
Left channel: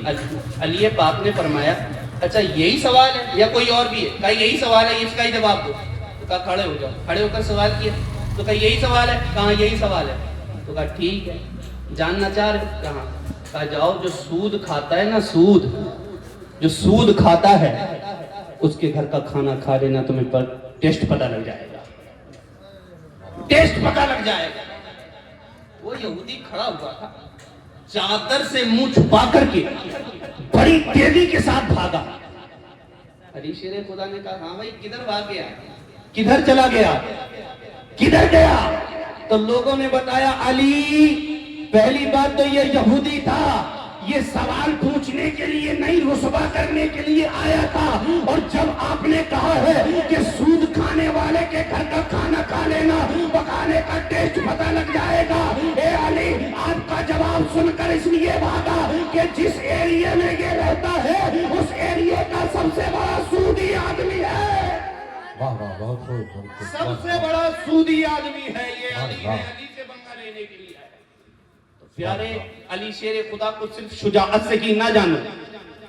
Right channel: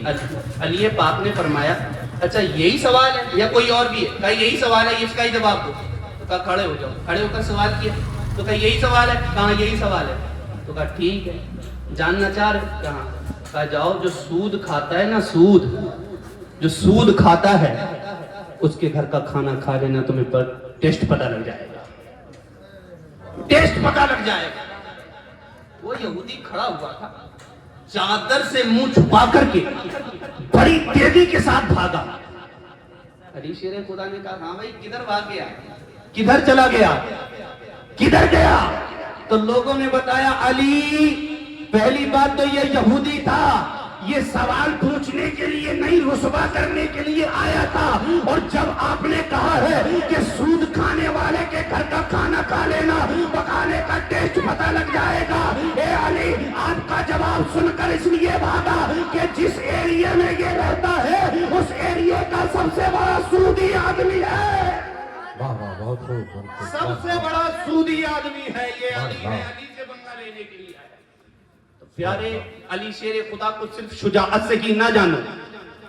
علی پاک نے فرمایا اچھا یہی سوال ہے یا کوئی اور بھی ہے؟ کہا یہی سوال ہے، اس کا ہی جواب دو۔ تو کہا کھڑے ہو جاؤ، کھڑے ہو کر سوال کیا، تو کہا یہی سوال ہے، کہاں یہی سوال ہے، تو کہا ٹھیک ہے جاننا چاہ رہے کہاں، کہا جاؤ جو سود کھاتا ہے نا، جو سود کھاتا ہے اس کے گھر کا کھانا کھا لینا، تمہیں پر ٹیسٹ پتہ لگ جائے گا، ٹیسٹ پتہ لگ جائے گا۔ وہ یہودی کھڑا ہوا تھا، چادر سے منہ چھپا کر کے بڑی تیزی کے ساتھ بھاگا۔ علی شیر خدا نے کہا ہاں بھائی کدھر بھاگ گیا، کدھر چلا گیا، کدھر گیا؟ تو لوگوں نے بتایا علی پہلی بات تو یہ یہودی تھا، یہ سوال پوچھنے کے لیے نہیں رسوا کرنے کے لیے آیا تھا، اور جب آپ نے کہا ہے کہ سود کھانے والے کے گھر کا کھانا کھا لینا، پکانے کا ٹیسٹ پتہ لگ جائے گا، اے علی آپ کا جواب سن کر اس لیے بھاگا کہ جس ایریے میں یہ رہتا ہے اس ایریے کا سب سے بڑا سودی آدمی ہے، واہ واہ بہت خوب، سب سے بڑا سودی آدمی ہے یہ علی ہے، علی سے بنگا لینے کے لیے آیا۔ تو پیارے علی شیر خدا کو صرف شجاعت سے کی نہ جانو،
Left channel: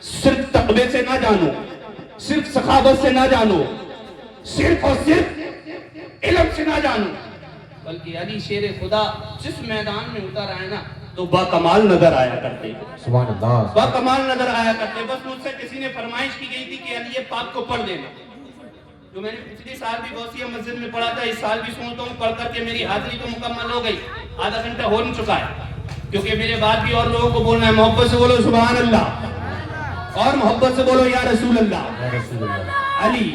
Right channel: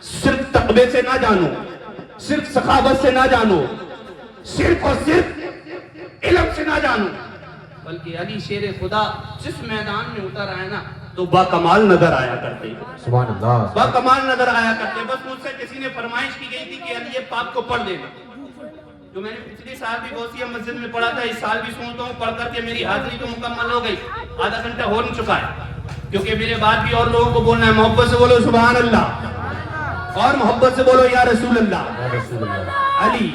صرف تقوی سے نہ جانو، صرف سخاوت سے نہ جانو، صرف اور صرف علم سے نہ جانو، بلکہ علی شیر خدا جس میدان میں اتر آیا نا تو با کمال نظر آیا کرتے، سبحان اللہ، با کمال نظر آیا کرتے۔ بس مجھ سے کسی نے فرمائش کی گئی تھی کہ علی پاک کو پڑھ دینا، جو میں نے پچھلی سال بھی غوثیہ مسجد میں پڑھا تھا، اس سال بھی سنتا ہوں، پڑھ کر کے میری حاضری تو مکمل ہو گئی، آدھا گھنٹہ ہو نہیں چکا ہے، کیونکہ میرے بعد بھی اور لوگوں کو بولنا ہے، محبت سے بولو سبحان اللہ، اور محبت سے بولو یا رسول اللہ، یا رسول اللہ۔ علی۔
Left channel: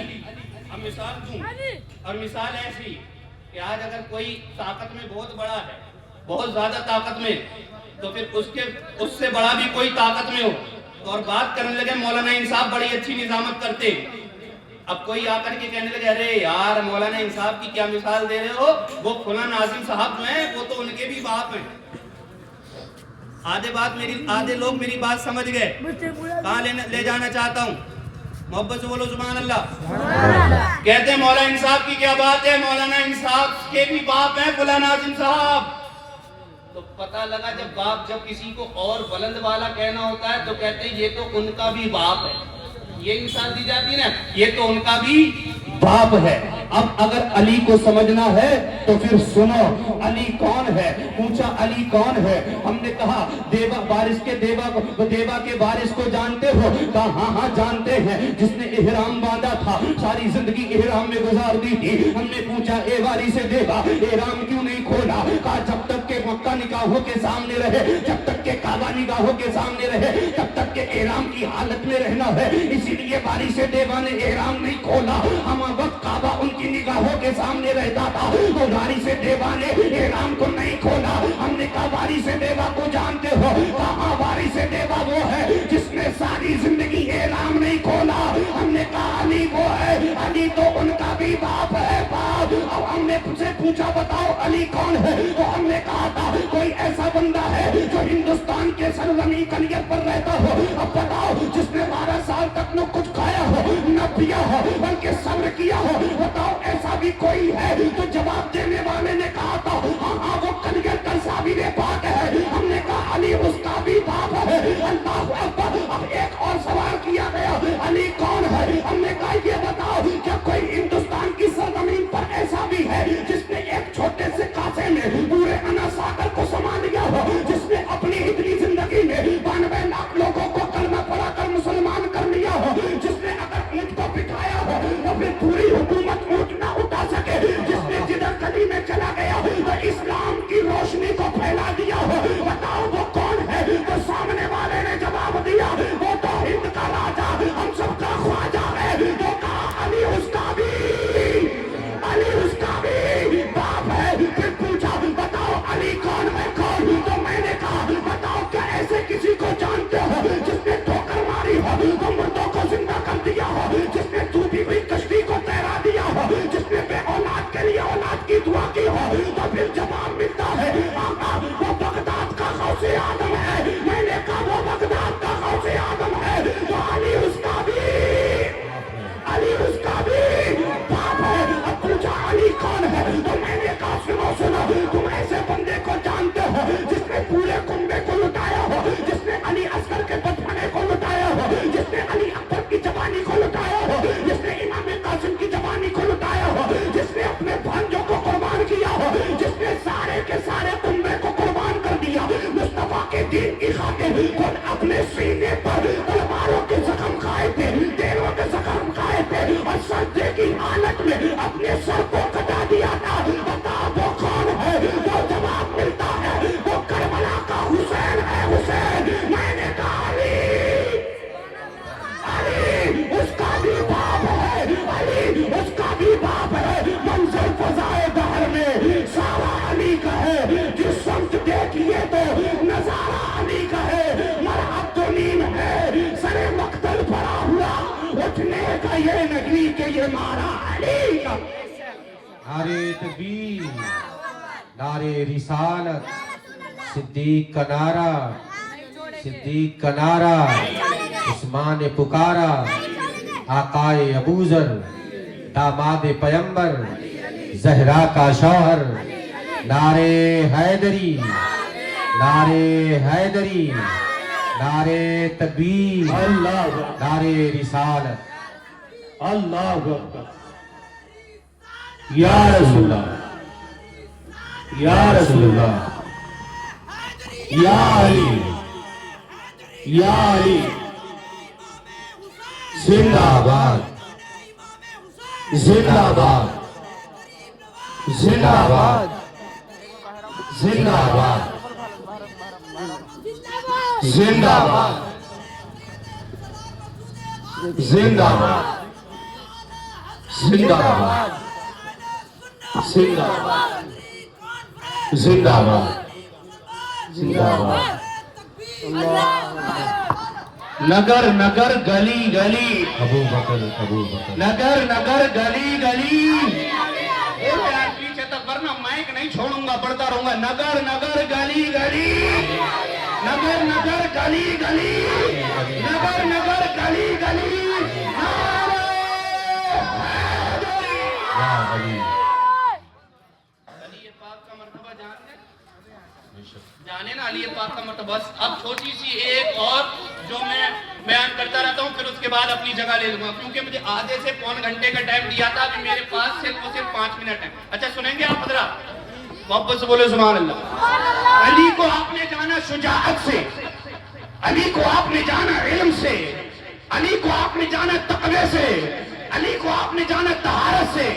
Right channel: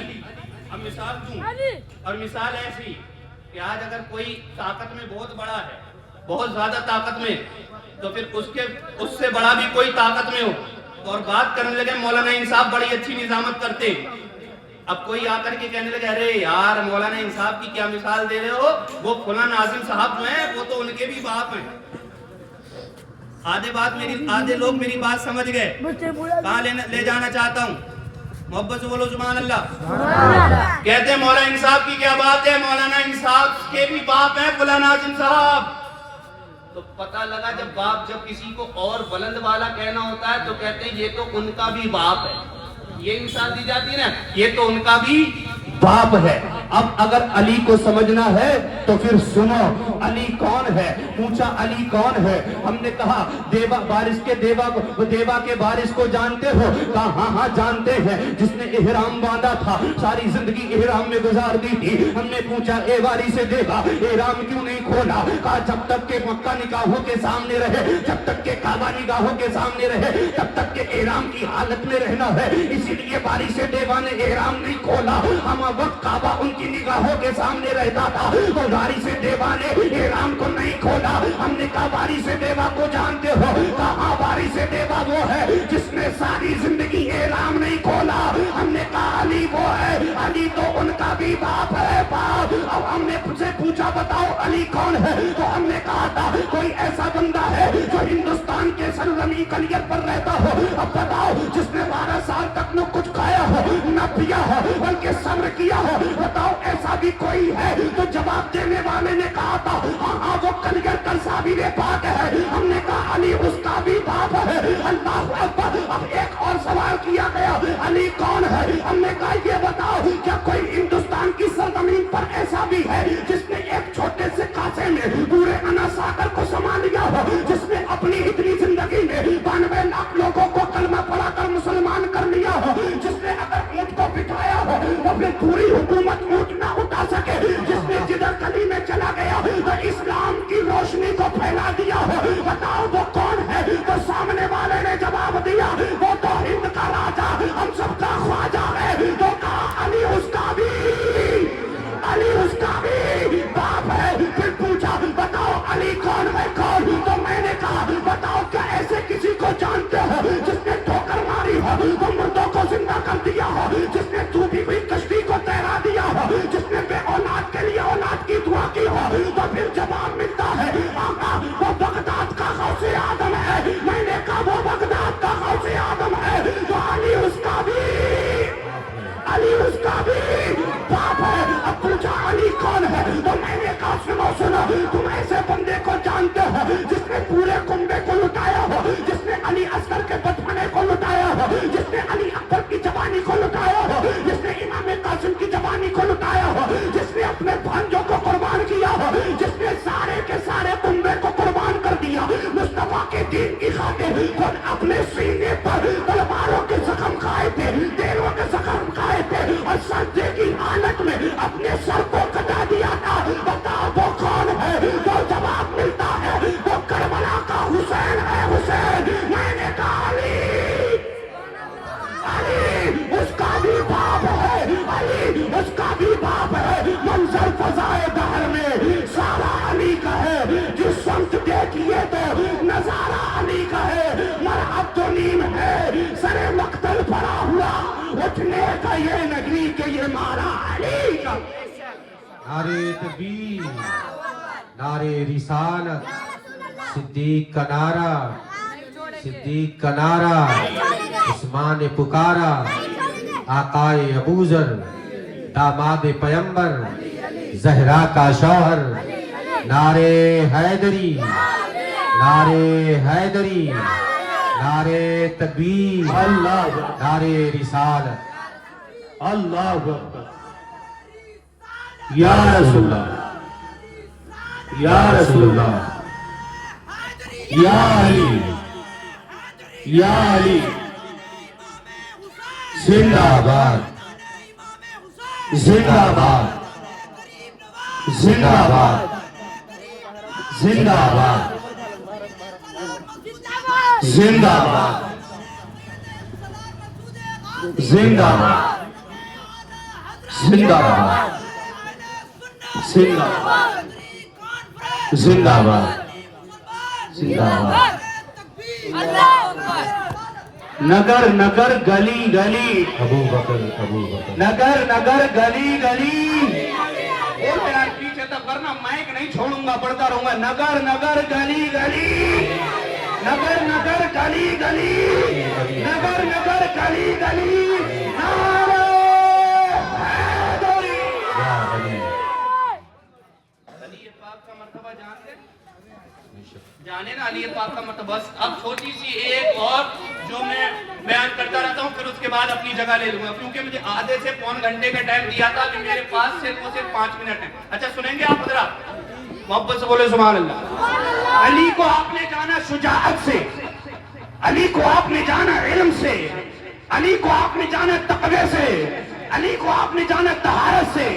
اب مثال دوں، اور مثال ایسی کہ آج اگر کوئی طاقت میں بہت بڑا ہے، بہت زیادہ طاقت میں، تو پھر اس سے بڑا بھی کوئی طاقت میں ہو اور بات کرنے لگے مولانا انصاف بڑی اچھی نظامت کرتے، اب کوئی آ کر کے کہنے لگے ارے یار مولانا انصاف کی کیا مثال دے رہے ہو، وہ فلاں ناظم صاحب جو ہیں وہ تو ان کے بھی باپ ہیں، آدھے لوگ میری بات سمجھ گئے، کہاں لے جانا چاہتا ہوں، محبت سے بولو سبحان اللہ، کہتے ہیں مولانا انصاف کی کیا بات ہے، مولانا انصاف کے بھی باپ ہیں فلاں ناظم صاحب، تو پتہ لگا جب کسی کو اور بلند والا کہنا ہوتا ہے تو کہتے ہیں یہ تو ان کا بھی باپ ہے، یہ مثال دی جاتی نا، یہ تو ان کا بھی باپ ہے۔ اب اگر علی کو سمجھنا ہے تو پھر سنو علی کون ہے، پوچھا علی کون ہے، ہم نے کہا بارش کے دیوا کے بارش کو جانتے ہو، کہا ہاں ہاں جانتے ہیں، جس نے احرام باندھا تھا، ساری زندگی احرام میں گزار دی تھی، ہم نے پوچھا اے وارث دیوا احرام کیوں نہیں کھولا، کہا جب تک کہ مکہ نگاہوں کے سامنے رہے، جب تک کہ کعبہ نگاہوں کے سامنے رہے، تب تک کہ احرام کی حالت میں رہنا ہے، اسی لیے وارث دیوا نے احرام نہیں کھولا، ہم وقت کعبہ ان کی نگاہوں کے سامنے رہتا تھا تو وارث دیوا نے احرام کو نہیں کھولا، ہم نے کہا وارث دیوا کو جانتے ہو، کہاں وارث دیوا وہ ہے جس نے ساری زندگی احرام نہیں کھولا، ہم نے کہا علی وہ ہے، علی تو ان کا بھی باپ ہے باپ۔ اب ہم نے سے پوچھا بتاؤ علی کون ہے، تو ہم نے کہا تھا کوئی ایسا بندہ ہے جو ہندوستان کے سرزمین کنیر پر رہتا ہو، اب بتاؤ جس نے 12 سال تک نہ کچھ کھایا ہو نہ پیا ہو بلکہ صبر کیا ہو، بتاؤ ایسا بھی کوئی ہے؟ تو جواب دینے والے نے کہا تھا ہاں ہاں وہ کنیر کا صابر پاک ہے، ہم نے کہا علی اس کا بھی باپ ہے، اللہ اکبر۔ اب ایک اور سوال کیا گیا علی کون ہے، ہم نے کہا یہ بتاؤ کیا کوئی ہندوستان کی سرزمین پر ایسا بھی ہے جس نے ایک چھوٹے سے کاسے میں پورے انا ساگر کو سما لیا ہو، جس نے اپنی اتنی زندگی میں 92 لاکھ لوگوں کو کلمہ پڑھا کر مسلمان کر لیا ہو، جس نے اگر اونٹ کو بٹھایا ہو تو پھر پوری حکومت اونٹ نہ اٹھا سکے، جس نے جدھر گلی میں چلا گیا دین کی خاطر خود اپنے سینے پر تلواروں کے زخم کھائے تھے، تیروں کے زخم کھائے تھے اور سجدے کی حالت میں اپنے سر کو کٹا دیا تھا۔ بتا وہ کون ہے؟ وہ جواب ملتا ہے وہ کربلا کا حسین ہے، حسین۔ میں نے کہا علی اس کا بھی باپ ہے، علی اس کا بھی باپ ہے۔ منظر فضائے دہر میں سارا علی کا ہے، جس سمت دیکھیے تو نظارہ علی کا ہے۔ مرحب تو نیم ہے، سر مقتل پڑا ہوا، اٹھنے کا یہ نہیں کہ یہ مارا علی کا۔ نعرے تکبیر، نعرے رسالت، صدیق کا نعرہ، صدیق کا نعرہ، عثمان پکارا، آقائے ابوذر، داماد پیمبر، زہرا کا شوہر، نعرے حیدری، نعرے حیدری، نعرے تکبیر، اللہ اکبر، نعرے رسالت۔ اللہ اکبر، یا رسول اللہ، یا رسول اللہ، یا علی، یا علی، زندہ باد، زندہ باد، زندہ باد، زندہ باد، زندہ باد، زندہ باد، زندہ باد، زندہ باد، زندہ باد، زندہ باد۔ نگر نگر گلی گلی، ابو بکر، ابو بکر، نگر نگر گلی گلی، اے میرا پیچھے تک ورنہ مائک نہیں چھوڑوں گا، پڑھتا رہوں گا۔ نگر نگر گلی گلی، نگر نگر گلی گلی، نگر نگر گلی گلی، نعرہ حیدری۔ یا علی، علی پاک کا مرتبہ جانے نا، علی پاک کا مرتبہ۔ بس اب چھوٹی سی ایک اور جو میں بیان کرتا رہتا ہوں، پھر اس کے بعد اپنی جگہ لے لوں گا، کیونکہ مجھے آدھے سے پون گھنٹے کا ٹائم دیا تھا، ابھی میرے پاس صرف 5 منٹ ہے۔ اچھا سنیں گے آپ حضرات؟ محبت سے بولے سبحان اللہ۔ علی کو آپ نے جانا شجاعت سے، علی کو آپ نے جانا علم سے، علی کو آپ نے جانا تقوی سے، علی کو آپ نے جانا طہارت سے۔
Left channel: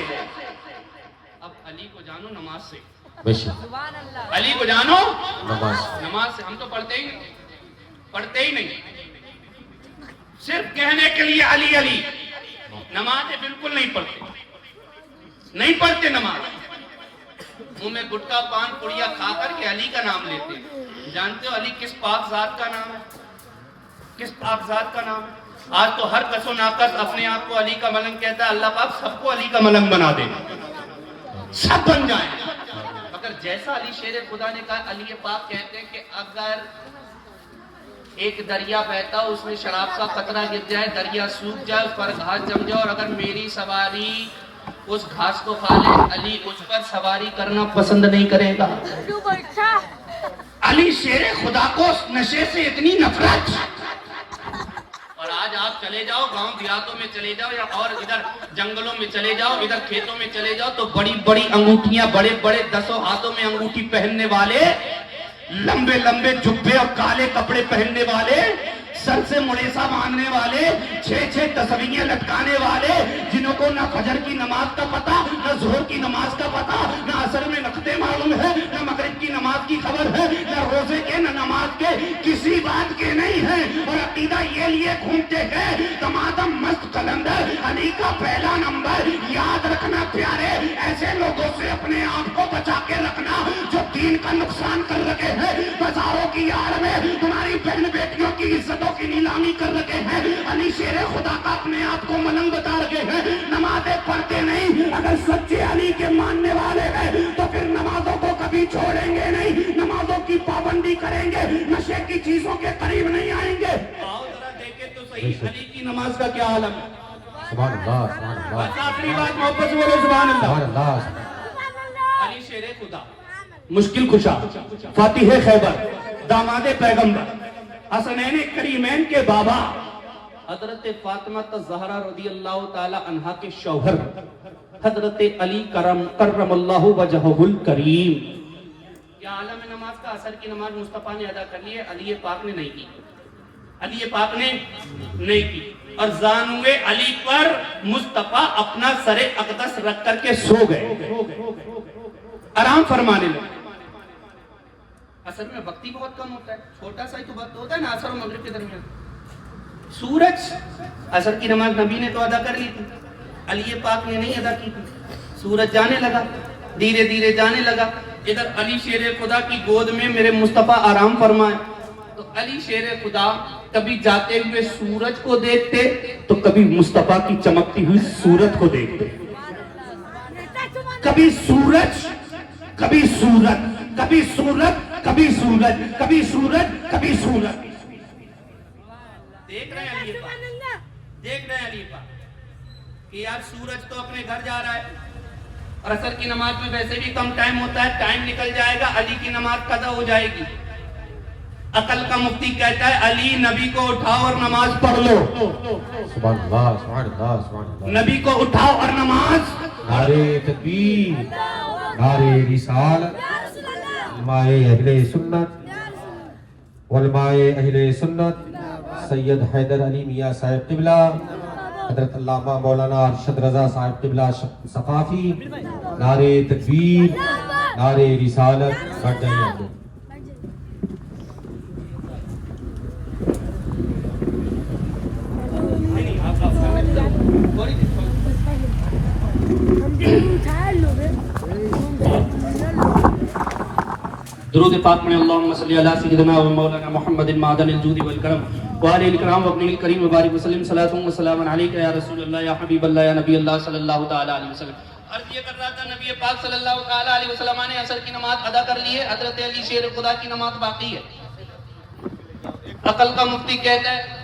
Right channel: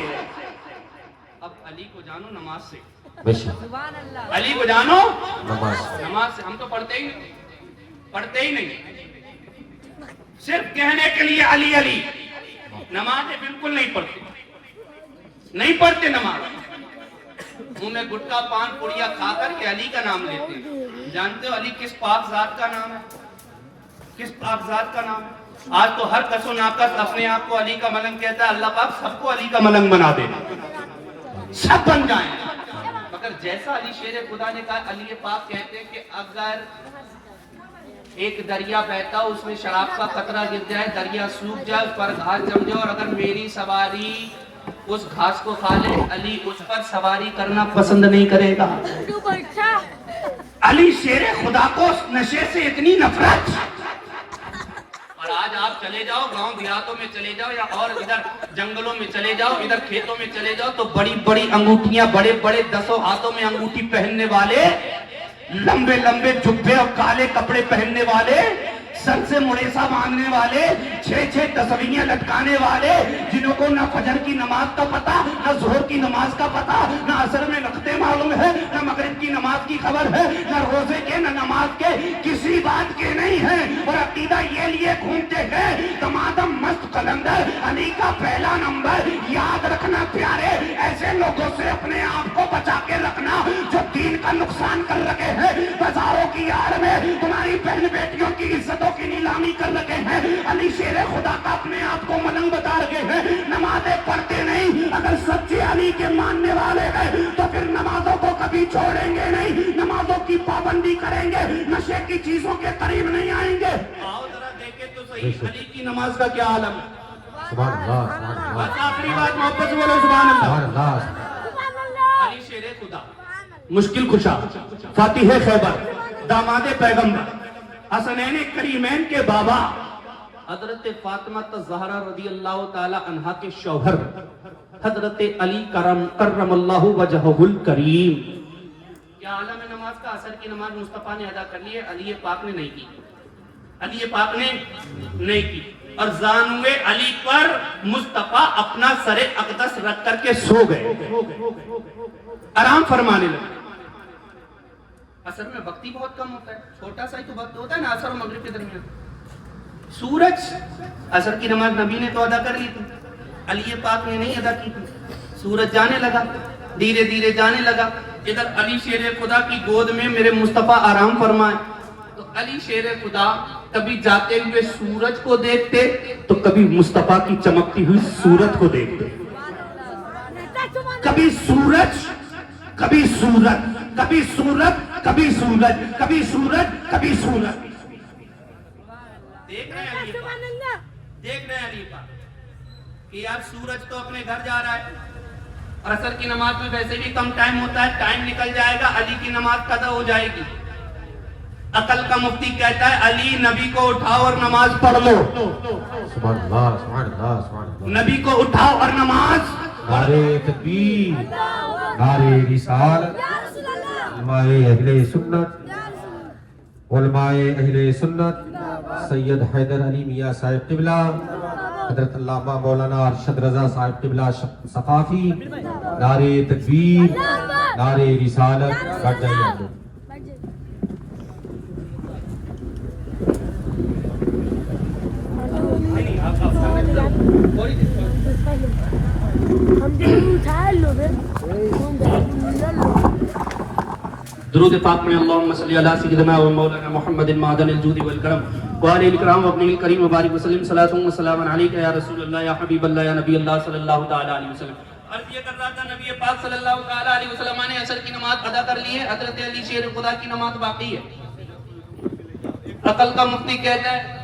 اب علی کو جانو نماز سے، بے شک، علی کو جانو نماز، نماز سے۔ ہم تو پڑھتے ہی نہیں، پڑھتے ہی نہیں، صرف کہنے کے لیے علی علی، نمازیں بالکل نہیں پڑھتے، نہیں پڑھتے نماز۔ منہ میں گٹکا پان پڑیا کھا کر کے علی کا نام لیتے ہیں۔ جانتے ہو علی کس پاک ذات کا نام ہے؟ کس پاک ذات کا نام ہے؟ آج تو ہر کس و ناقص اپنے آپ کو علی کا ملنگ کہتا ہے، اللہ پاک سب کو علی کا ملنگ بنا دینا، سب بن جائیں۔ مگر جیسا علی شیر خدا نے کہا، علی پاک کہتے ہیں کہ اگر ایک دریا بہتا ہو، اس میں شراب کا قطرہ گر جائے، دریا سوکھ جائے، اس پر گھاس جم جائے، اور اگر میری سواری اس گھاس کو کھا لے، علی اس پر سواری کرنا پسند نہیں کرے گا۔ علی شیر خدا کو نشے سے اتنی نفرت، اور آج آپ چلے جاؤ گاؤں دیہاتوں میں چلے جاؤ، یا اور ادھر جنگلوں میں چلے جاؤ، ادھر کھیتوں میں چلے جاؤ، تو بڑی بڑی انگوٹھیاں، بڑے بڑے 10 ہاتھوں میں انگوٹھی پہننے والے، لمبے لمبے جبے اور کالے کپڑے پہننے والے، سر سے مریسا باندھنے والے، 6 تصویریاں لٹکانے والے، جنہوں کو نہ فجر کی نماز کا پتہ، نہ ظہر کی نماز کا پتہ، نہ عصر میں نقطے معلوم ہے، نہ مغرب کی نماز کی خبر ہے، نہ روزے کے، نہ نماز کے، کسی بات کے نہیں ہیں، اور عقیدہ یہ لیے گھومتے ہیں تمادم مست قلندر علی کا پہلا نمبر۔ یاد رکھنا پیارے، ایسے لوگوں سے اپنے آپ کو بچا کے رکھنا جو دین کا نقصان کر رکھے ہیں، بازاروں کی آڑ میں تمہاری بہن بیٹیوں کی عزتوں کی نیلامی کر رکھے ہیں۔ علی شیر خدا کا اپنے آپ کو ملنگ بتا رکھے ہیں، نمازیں پڑھتے نہیں۔ اگر سچے علی کے ماننے والے ہیں تو پھر نمازوں کو کبھی چھوڑیں گے نہیں، نمازوں کی پابندی کریں گے، نشے کی چیزوں کے قریب نہیں آئیں گے۔ آؤ ذرا دیکھیں تو صحیح علی کی نماز کا کیا عالم ہے۔ سبحان اللہ، سبحان اللہ، بس آخری بات محبت سے بولو سبحان اللہ۔ سبحان اللہ، علی شیر خدا، مشکل کشا، فاتح خیبر، داماد پیغمبر، حسنین کریمین کے بابا، حضرت فاطمہ الزہرا رضی اللہ تعالی عنہا کے شوہر حضرت علی کرم اللہ وجہہ الکریم۔ کیا عالم ہے نماز کا؟ عصر کی نماز مصطفیٰ نے ادا کر لی ہے، علی پاک نے نہیں کی، علی پاک نے نہیں کی، اور زانوے علی پر مصطفیٰ اپنا سر اقدس رکھ کر کے سو گئے، آرام فرمانے لگے۔ عصر میں وقت ہی بہت کم ہوتا ہے، چھوٹا سا ہی تو وقت ہوتا ہے نا عصر و مغرب کے درمیان۔ سورج، عصر کی نماز نبی نے تو ادا کر لی تھی، علی پاک نے نہیں ادا کی تھی۔ سورج جانے لگا، دھیرے دھیرے جانے لگا، ادھر علی شیر خدا کی گود میں میرے مصطفیٰ آرام فرمائے، تو علی شیر خدا کبھی جاتے ہوئے سورج کو دیکھتے تو کبھی مصطفیٰ کی چمکتی ہوئی صورت کو دیکھتے، کبھی سورج کبھی سورج، کبھی سورج کبھی سورج، کبھی سورج کبھی سورج۔ دیکھ رہے ہیں علی پاک، دیکھ رہے ہیں علی پاک کہ یار سورج تو اپنے گھر جا رہا ہے، اور عصر کی نماز میں ویسے بھی کم ٹائم ہوتا ہے، ٹائم نکل جائے گا، علی کی نماز قضا ہو جائے گی۔ عقل کا مفتی کہتا ہے علی نبی کو اٹھاؤ اور نماز پڑھ لو، سبحان اللہ سبحان اللہ سبحان اللہ۔ نبی کو اٹھاؤ اور نماز۔ نعرے تکبیر، نعرے رسالت، علماء اہل سنت، علماء اہل سنت سید حیدر علی میاں صاحب قبلہ، حضرت علامہ مولانا ارشد رضا صاحب قبلہ ثقافی، نعرے تکبیر، نعرے رسالت، بڑھ جائیے آپ لوگ۔ درود پاک میں اللہم صلی علی سیدنا و مولانا محمد معدن الجود والکرم وآلہ الکرام وابن الکریم وبارک وسلم، صلاۃ و سلام علیکہ یا رسول اللہ یا حبیب اللہ یا نبی اللہ صلی اللہ تعالی علیہ وسلم۔ عرض یہ کر رہا تھا نبی پاک صلی اللہ تعالی علیہ وسلم نے عصر کی نماز ادا کر لی ہے، حضرت علی شیر خدا کی نماز باقی ہے۔ عقل کا مفتی کہتا ہے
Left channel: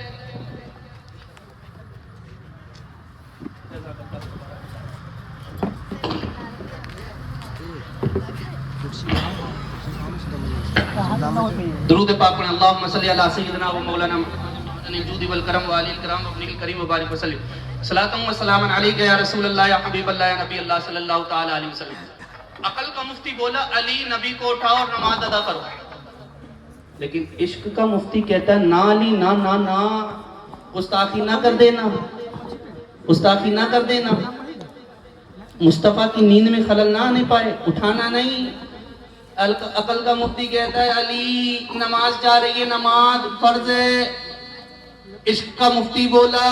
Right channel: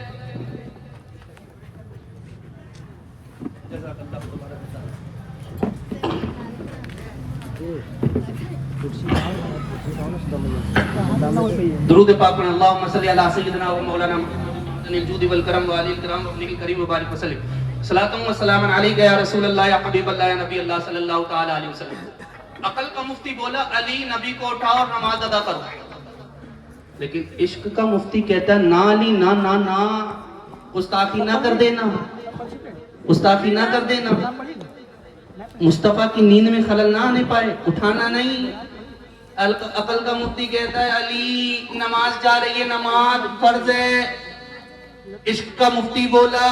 درود پاک میں اللہم صلی علی سیدنا و مولانا محمد الجود والکرم وآلہ الکرام وابن الکریم وبارک وسلم، صلاۃ و سلام علیکہ یا رسول اللہ یا حبیب اللہ یا نبی اللہ صلی اللہ تعالی علیہ وسلم۔ عقل کا مفتی بولا علی نبی کو اٹھاؤ اور نماز ادا کرو، لیکن عشق کا مفتی کہتا ہے نہ علی نہ نہ نہ، گستاخی نہ کر دینا، گستاخی نہ کر دینا، مصطفیٰ کی نیند میں خلل نہ آنے پائے، اٹھانا نہیں۔ عقل کا مفتی کہتا ہے علی نماز جا رہی ہے، نماز فرض ہے۔ عشق کا مفتی بولا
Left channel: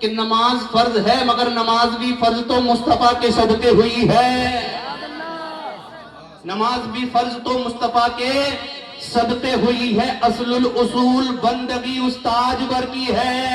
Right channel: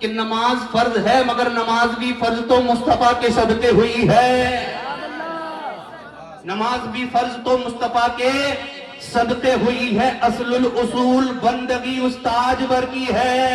کہ نماز فرض ہے مگر نماز بھی فرض تو مصطفیٰ کے صدقے ہوئی ہے، نماز بھی فرض تو مصطفیٰ کے صدقے ہوئی ہے۔ اصل الاصول بندگی استاج بر کی ہے،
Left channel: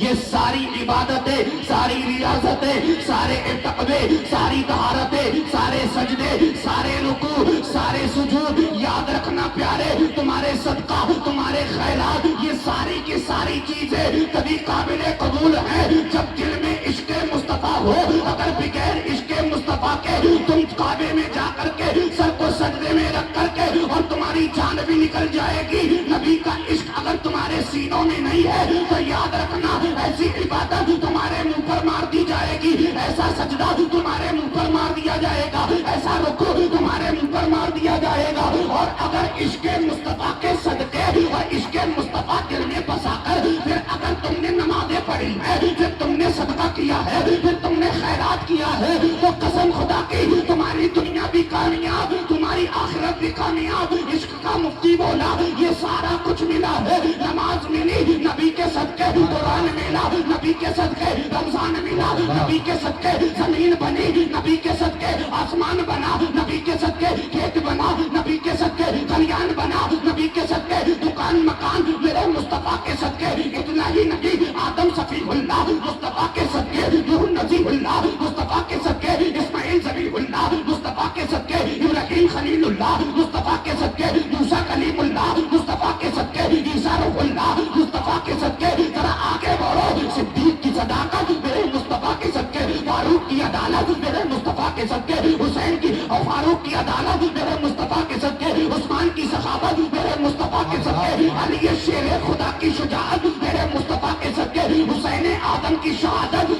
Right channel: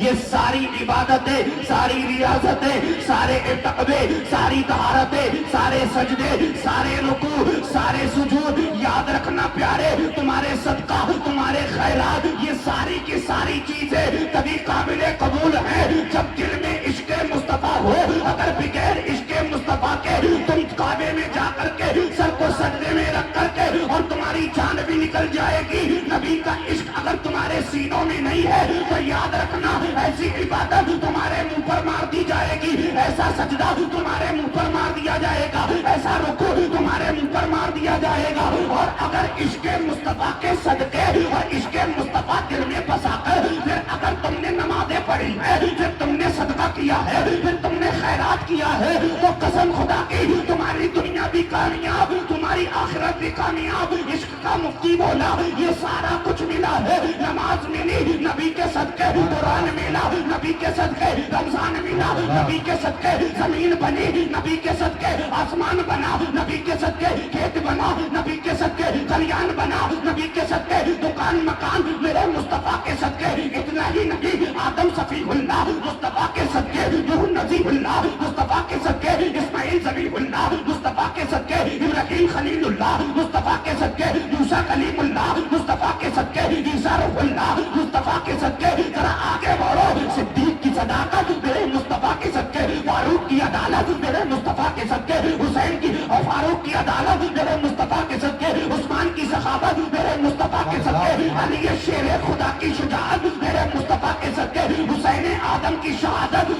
یہ ساری عبادتیں، ساری ریاضتیں، سارے تقوی، ساری طہارتیں، سارے سجدے، سارے رکوع، سارے سجود، یاد رکھنا پیارے، تمہارے صدقہ، تمہارے خیرات، یہ ساری کی ساری چیزیں تبھی قابل قبول ہیں جب دل میں عشق مصطفیٰ ہو۔ اگر بغیر عشق مصطفیٰ کے تم کعبے میں جا کر کے سر کو سجدے میں رکھ کر کے اور تمہاری جان بھی نکل جائے گی، نبی کا عشق اگر تمہارے سینوں میں نہیں ہے تو یاد رکھنا ایسی عبادت تمہارے منہ پر مار دی جائے گی، ایسا سجدہ تمہارے منہ پر مار دیا جائے گا، ایسا رکوع تمہارے منہ پر مار دیا جائے گا۔ اور اگر عشق مصطفیٰ کے صدقے اور عشق مصطفیٰ دل میں بسا کر پھر اگر تم نے نمازیں پڑھی ہے، پھر تم نے صدقہ کیا ہے، پھر تم نے خیرات کیا ہے، تو قسم خدا کی تمہاری دنیا بھی کامیاب، تمہاری آخرت بھی کامیاب۔ عشق کا مفتی بولا یہ سارا کچھ ملا ہے، نماز ملی نبی کے صدقے، قرآن ملا نبی کے صدقے، رمضان ملا نبی کے صدقے، زمین بنی نبی کے صدقے، آسمان بنا نبی کے صدقے، کھیت بنا نبی کے صدقے، کلیان بنا نبی کے صدقے، دکان مکان میرے مصطفیٰ کے صدقے۔ اتنا ہی نبی آدم صفی اللہ مصطفیٰ کے صدقے، نوح نبی اللہ مصطفیٰ کے صدقے، اسماعیل ذبیح اللہ مصطفیٰ کے صدقے، ابراہیم خلیل اللہ مصطفیٰ کے صدقے، موسیٰ کلیم اللہ مصطفیٰ کے صدقے، عیسیٰ روح اللہ مصطفیٰ کے صدقے۔ ذرا آگے بڑھو، صدیق کی صداقت میرے مصطفیٰ کے صدقے، فاروق کی عدالت میرے مصطفیٰ کے صدقے، حسین کی اور فاروق کی عدالت میرے مصطفیٰ کے صدقے، عثمان کی سخاوت میرے مصطفیٰ کے صدقے، علی شیر خدا کی شجاعت میرے مصطفیٰ کے صدقے، حسین آدم کی شہادت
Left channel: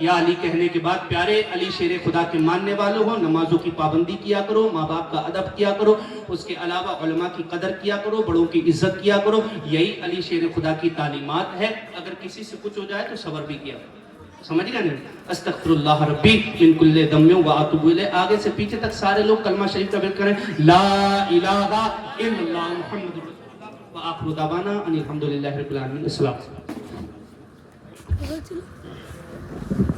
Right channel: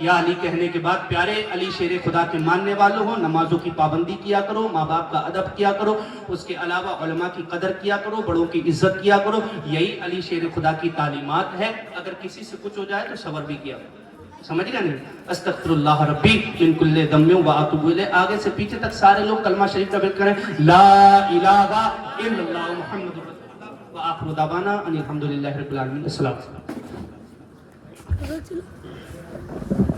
یا علی کہنے کے بعد پیارے علی شیر خدا کے ماننے والوں ہو, نمازوں کی پابندی کیا کرو, ماں باپ کا ادب کیا کرو, اس کے علاوہ علماء کی قدر کیا کرو, بڑوں کی عزت کیا کرو. یہی علی شیر خدا کی تعلیمات ہے. اگر کسی سے کچھ ہو جائے تو صبر بھی کیا کرو. سمجھ گئے نہیں؟ استغفر اللہ ربی من کل ذنب و اتوب الیہ. آگے سے پیچھے تک سارے لوگ کلمہ شریف کا ذکر کریں. لا الہ الا اللہ محمد رسول اللہ وآخر دعوانا ان الحمد للہ رب العالمین. السلام علیکم.